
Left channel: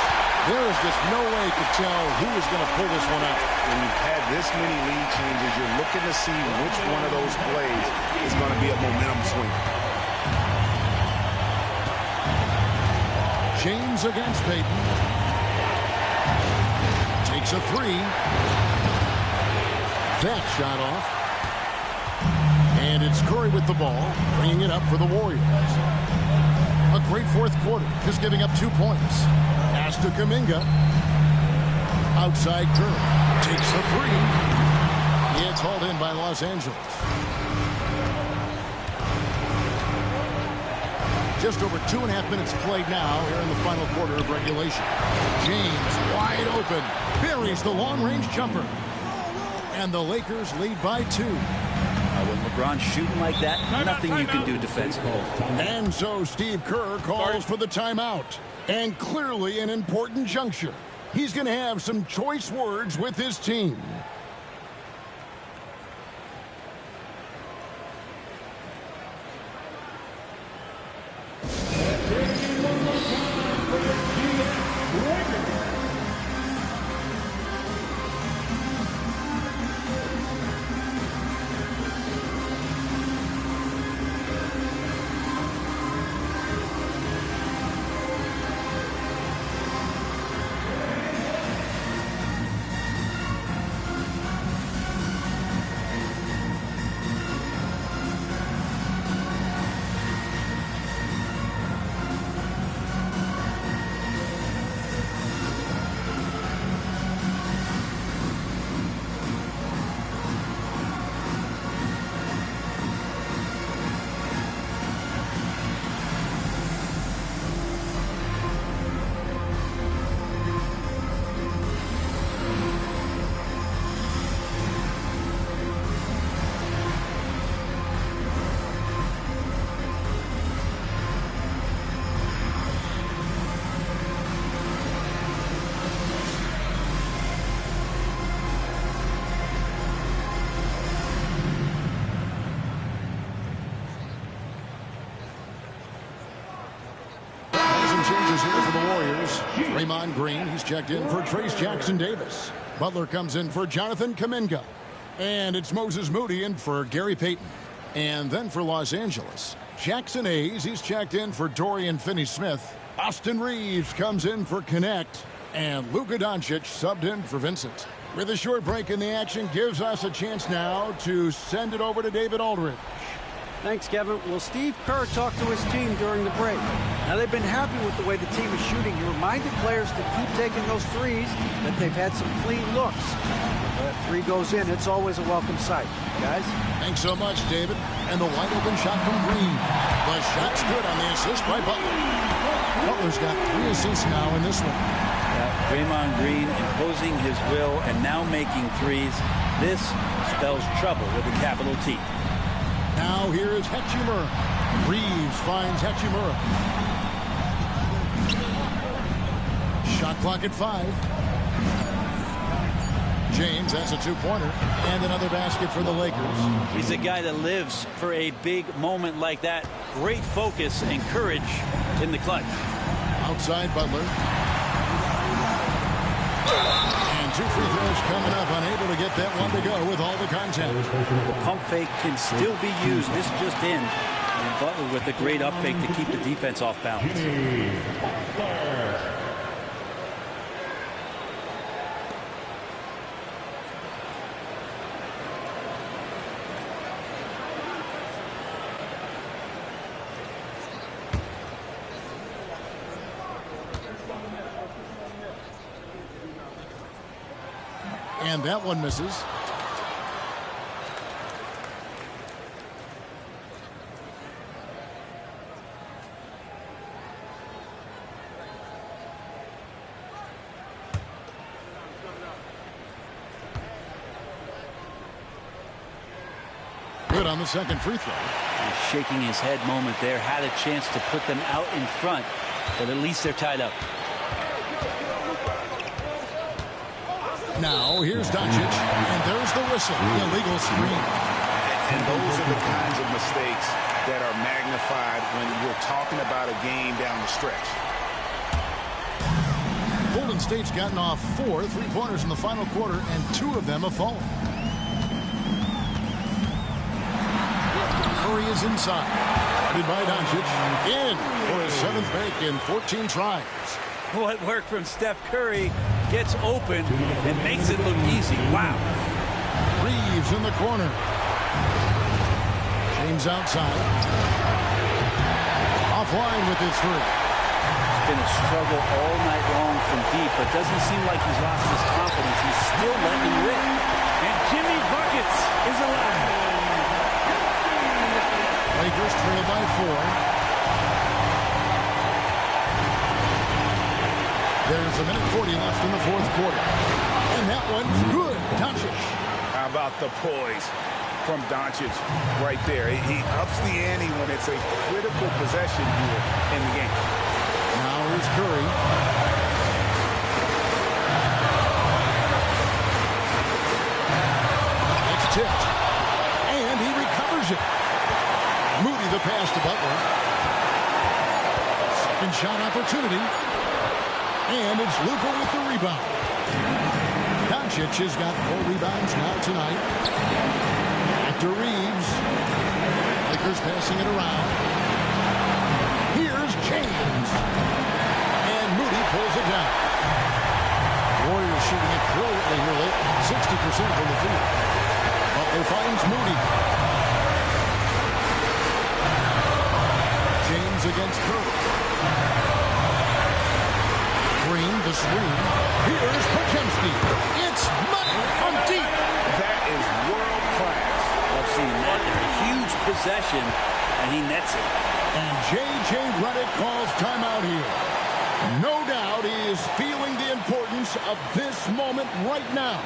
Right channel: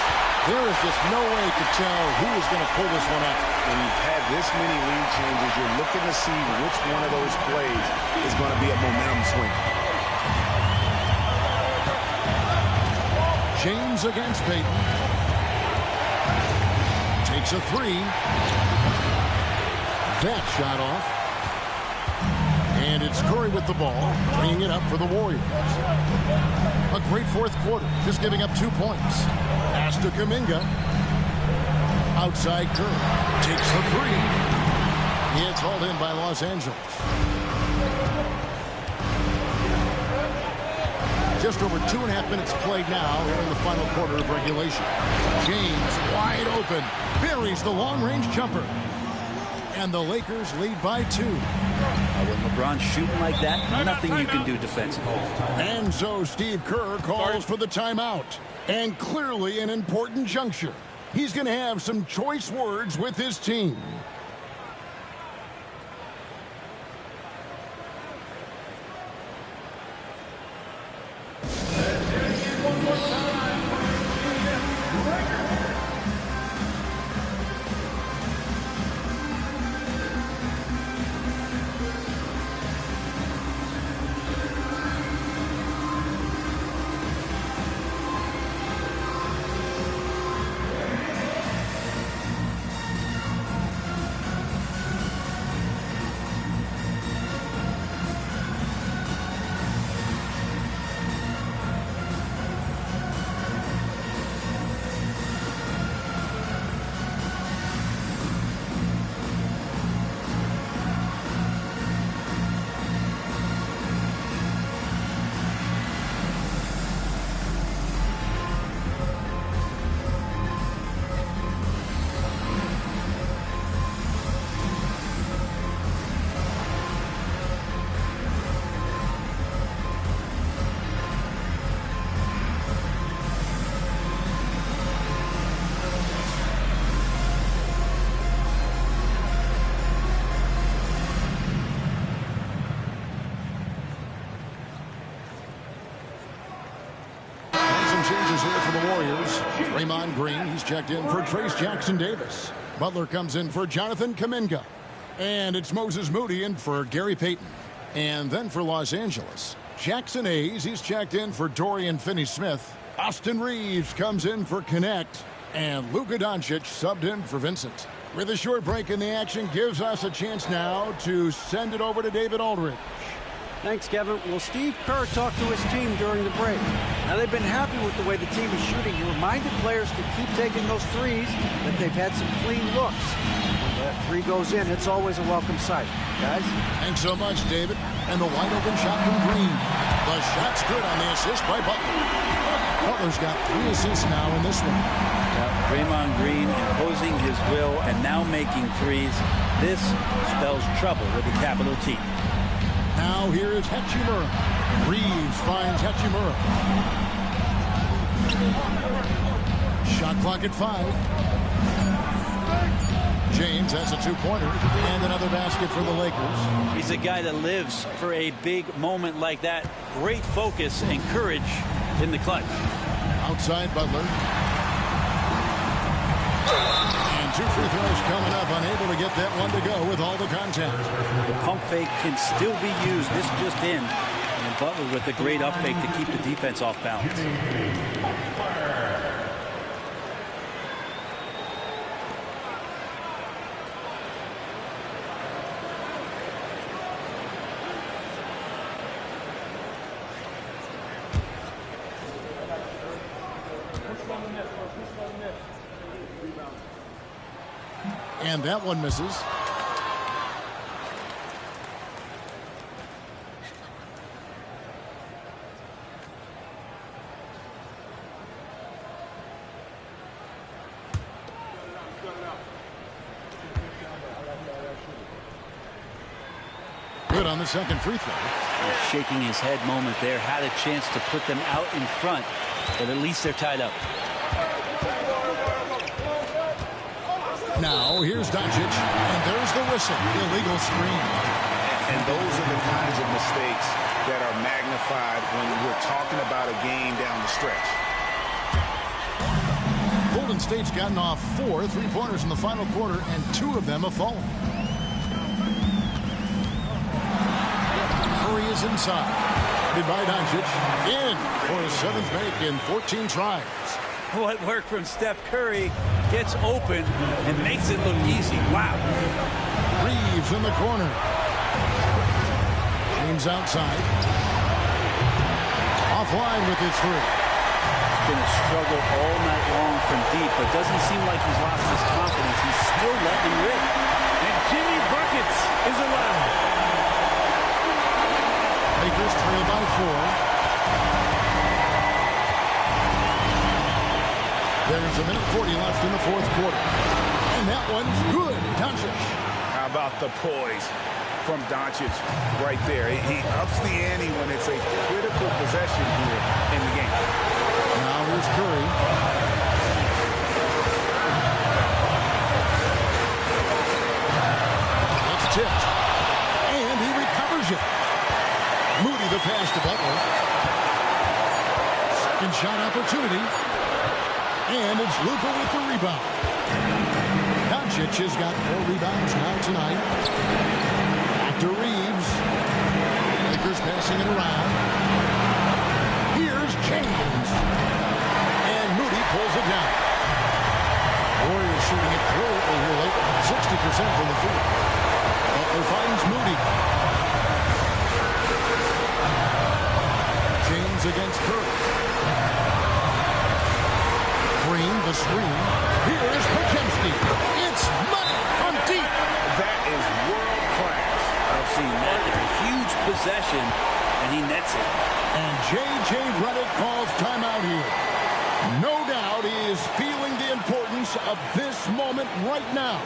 There is just no way to tell who is going to pull this one out. When you've had this many lead changes, you're looking to see which one of those plays is going to be a momentum swing. James against Payton. Takes a 3. That shot off. And it's Curry with the ball, bringing it up for the Warriors. A great 4th quarter, just giving up 2 points. Pass to Kuminga. Outside Curry. Takes the 3. It's hauled in by Los Angeles. Just over 2.5 minutes played now here in the final quarter of regulation. James wide open. Buries the long-range jumper. And the Lakers lead by 2. When LeBron's shooting like that, nothing you can do defensively. And so Steve Kerr calls for the timeout. And clearly an important juncture. He's going to have some choice words with his team. starters here for the Warriors. Draymond Green, he's checked in for Trayce Jackson-Davis. Butler comes in for Jonathan Kuminga. And it's Moses Moody in for Gary Payton. And then for Los Angeles, Jackson Hayes, he's checked in for Dorian Finney-Smith. Austin Reeves comes in for Connect. And Luka Doncic subbed in for Vincent. With a short break in the action, gives us a chance now to send it over to David Aldridge. Thanks, Kevin. Well, Steve Kerr talked to his team during the break. Now, they've been happy with the way the team is shooting. He reminded players to keep taking those threes, that they've had some clean looks. When that three goes in, it's always a welcome sight. Guys? Thanks so much, David. And the wide-open shot from Green. The shot's good on the assist by Butler. Butler's got 3 assists now in this one. Yeah, Draymond Green imposing his will and now making threes. This spells trouble with a capital T. Now here is Hachimura. Reeves finds Hachimura. Shot clock at 5. James, that's a 2-pointer. And another basket for the Lakers. He's a guy that lives for a big moment like that. Great focus and courage in the clutch. Outside Butler. And 2 free throws coming up, unable to get that one to go with all the contact. The pump fake can still be used. This just in. And Butler with a great up fake to keep the defense off balance. And that one misses. Good on the second free throw. Shaking his head moment there. Had a chance to put them out in front, but at least they're tied up. Now, here's Doncic, and there's the whistle. Illegal screen. And those are the kinds of mistakes that are magnified when we're talking about a game down the stretch. Golden State's gotten off 4 3-pointers in the final quarter, and 2 of them have fallen. Curry is inside. Guarded by Doncic. In for his 7th make in 14 tries. What work from Steph Curry. Gets open and makes it look easy. Wow. Reeves in the corner. James outside. Offline with his 3. It's been a struggle all night long from deep, but doesn't seem like he's lost his confidence. He's still letting him rip. And Jimmy Buckets is alive. Lakers trail by 4. There's 1:40 left in the 4th quarter. And that one's good. Doncic. How about the poise from Doncic right there? He ups the ante when it's a critical possession here in the game. Now here's Curry. It's tipped. And he recovers it. Moody the pass to Butler. Second shot opportunity. And it's Luka with the rebound. Doncic has got 4 rebounds now tonight. Back to Reeves. Lakers passing it around. Here's James. And Moody pulls it down. Warriors shooting it brilliantly here late. 60% from the field. Butler finds Moody. James against Curry. Green, the screen. Here's Podziemski. It's money from deep. That is world class. I've seen that there. A huge possession, and he nets it. And J.J. Redick calls timeout here. No doubt he is feeling the importance of this moment right now.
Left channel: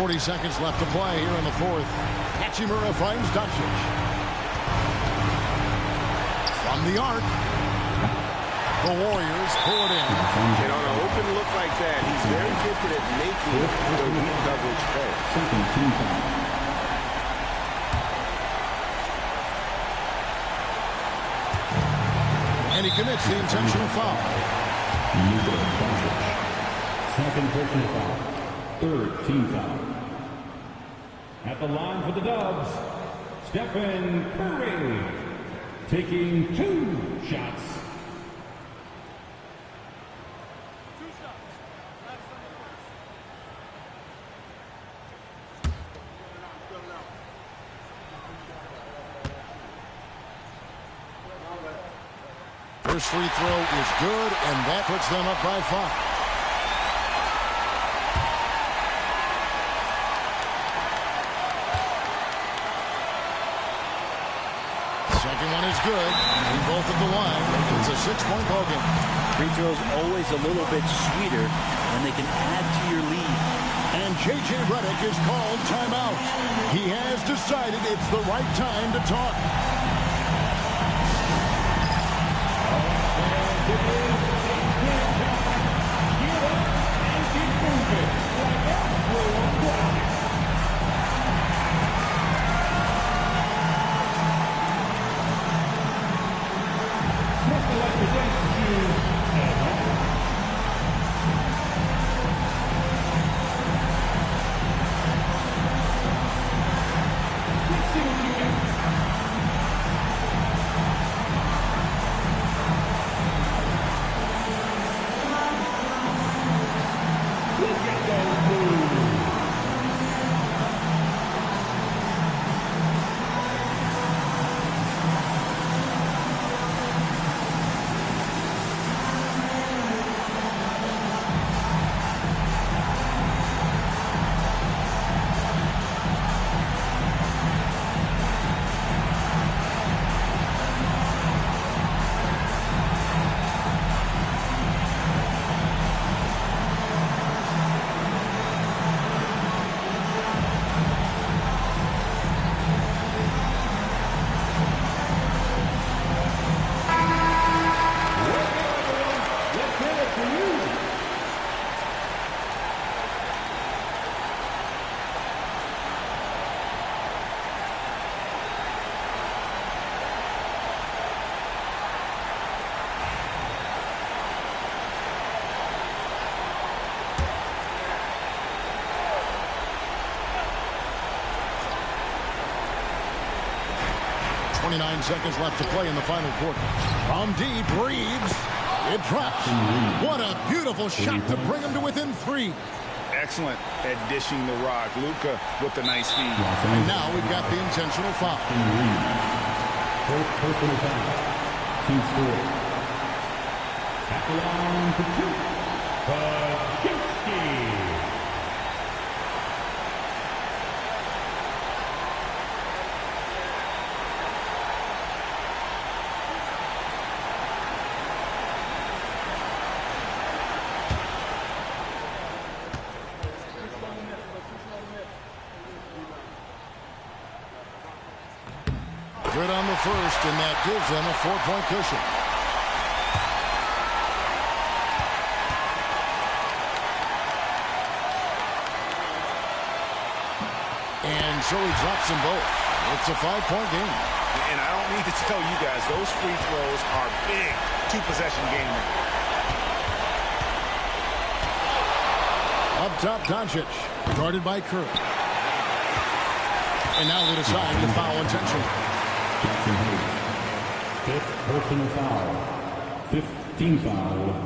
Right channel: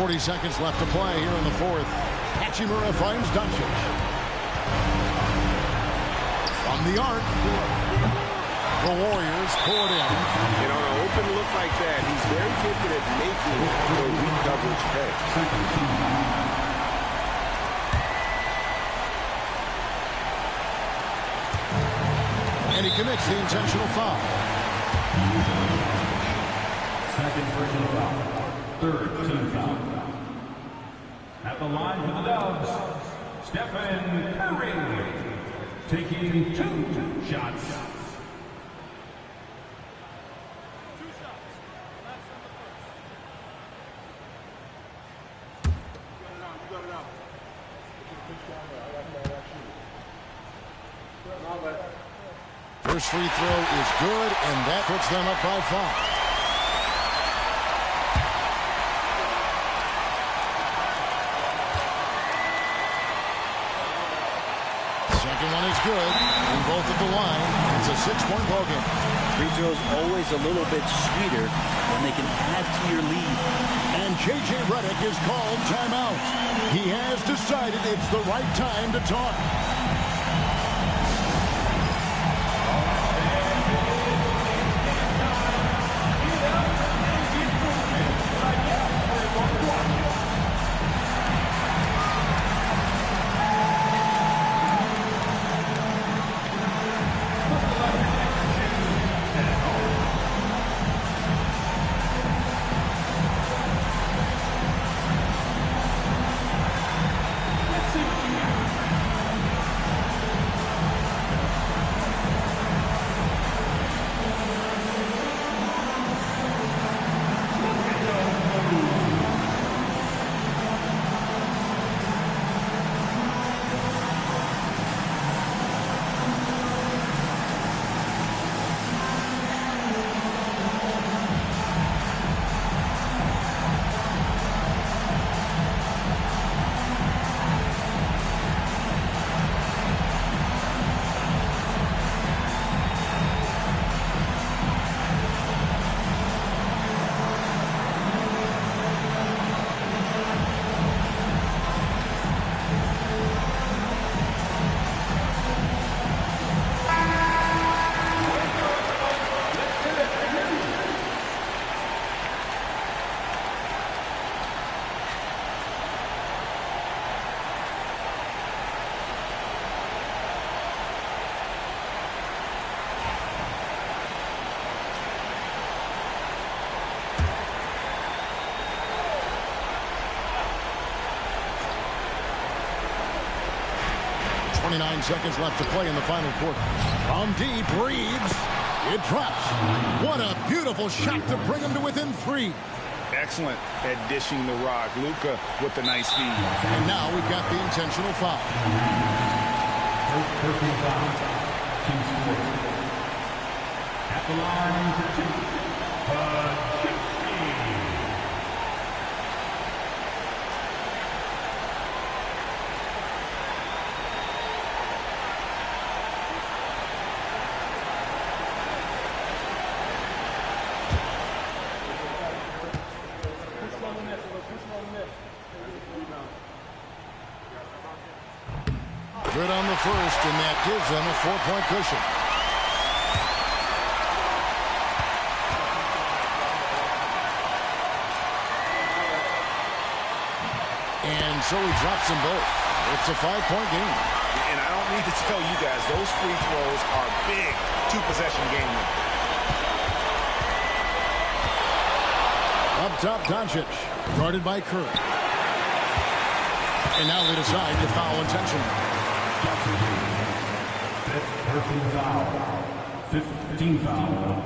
40 seconds left to play here in the fourth. Hachimura finds Doncic. From the arc. The Warriors pull it in. And on an open look like that, he's very gifted at making the weak coverage pay. And he commits the intentional foul. Second personal foul. Third team foul. At the line for the Dubs, Stephen Curry, taking 2 shots. First free throw is good, and that puts them up by 5. Second one is good. In both at the line, and it's a 6-point ball game. Free throws always a little bit sweeter when they can add to your lead. And J.J. Redick is called timeout. He has decided it's the right time to talk. .29 seconds left to play in the final quarter. From deep, Reeves. It drops. What a beautiful shot to bring him to within 3. Excellent at dishing the rock. Luka with the nice feed. And now we've got the intentional foul. First personal foul. Team score. At the line for 2. Podziemski. Good on the first, and that gives them a 4-point cushion. And so he drops them both. It's a 5-point game. And I don't need to tell you guys, those free throws are big 2-possession game. Up top, Doncic, guarded by Curry. And now they decide to foul intentionally. Jackson Hayes, 5th personal foul, 15 foul.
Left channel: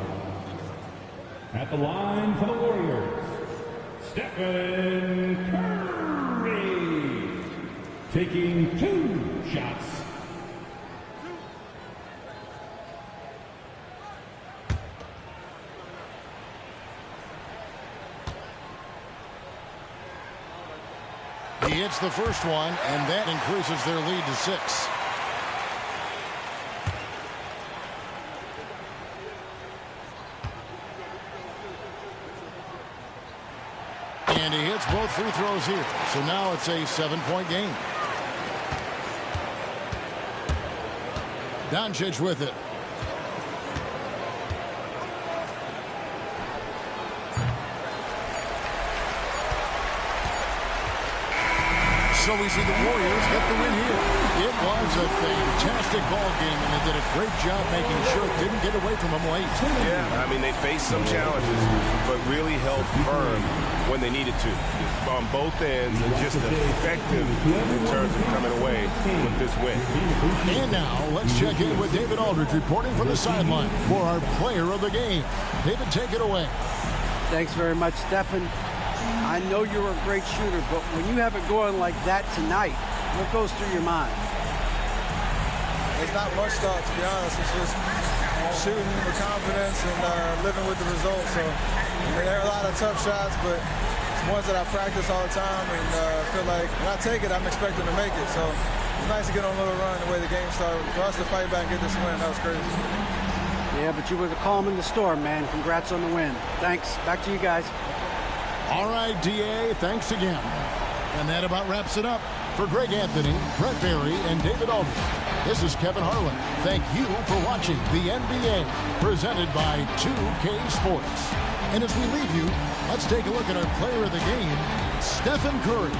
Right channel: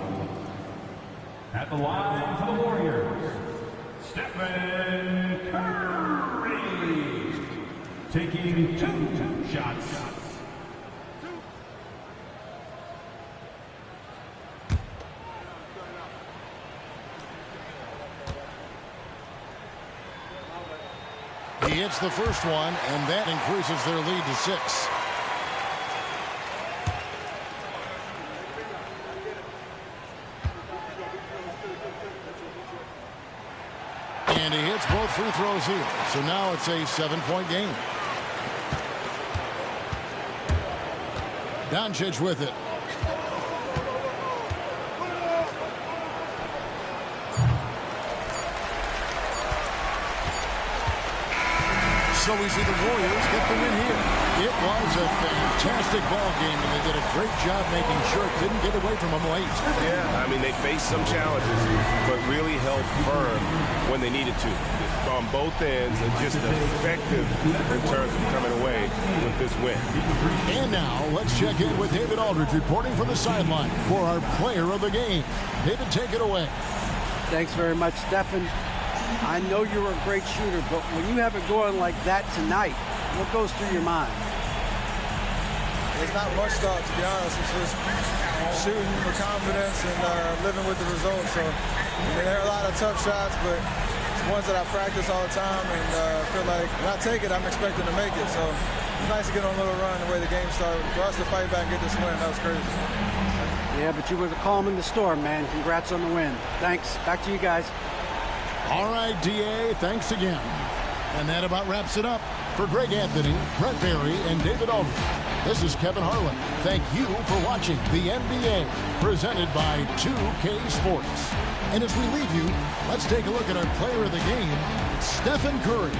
At the line for the Warriors, Stephen Curry, taking 2 shots. He hits the first one, and that increases their lead to 6. And he hits both free throws here. So now it's a 7-point game. Doncic with it. So we see the Warriors get the win here. It was a fantastic ball game, and they did a great job making sure it didn't get away from them late. Yeah, I mean, they faced some challenges, but really held firm when they needed to. On both ends, and just effective in terms of coming away with this win. And now, let's check in with David Aldridge reporting from the sideline for our player of the game. David, take it away. Thanks very much, Stephen. I know you're a great shooter, but when you have it going like that tonight, what goes through your mind? There's not much thought, to be honest. It's just shooting with confidence and living with the results. So, I mean, there are a lot of tough shots, but it's ones that I practice all the time, and feel like when I take it, I'm expecting to make it. So it's nice to get on a little run the way the game started. For us to fight back and get this win, that was crazy. Yeah, but you were the calm in the storm, man. Congrats on the win. Thanks. Back to you guys. All right, D.A., thanks again. And that about wraps it up. For Greg Anthony, Brett Barry, and David Aldridge, this is Kevin Harlan. Thank you for watching the NBA, presented by 2K Sports. And as we leave you, let's take a look at our player of the game, Stephen Curry.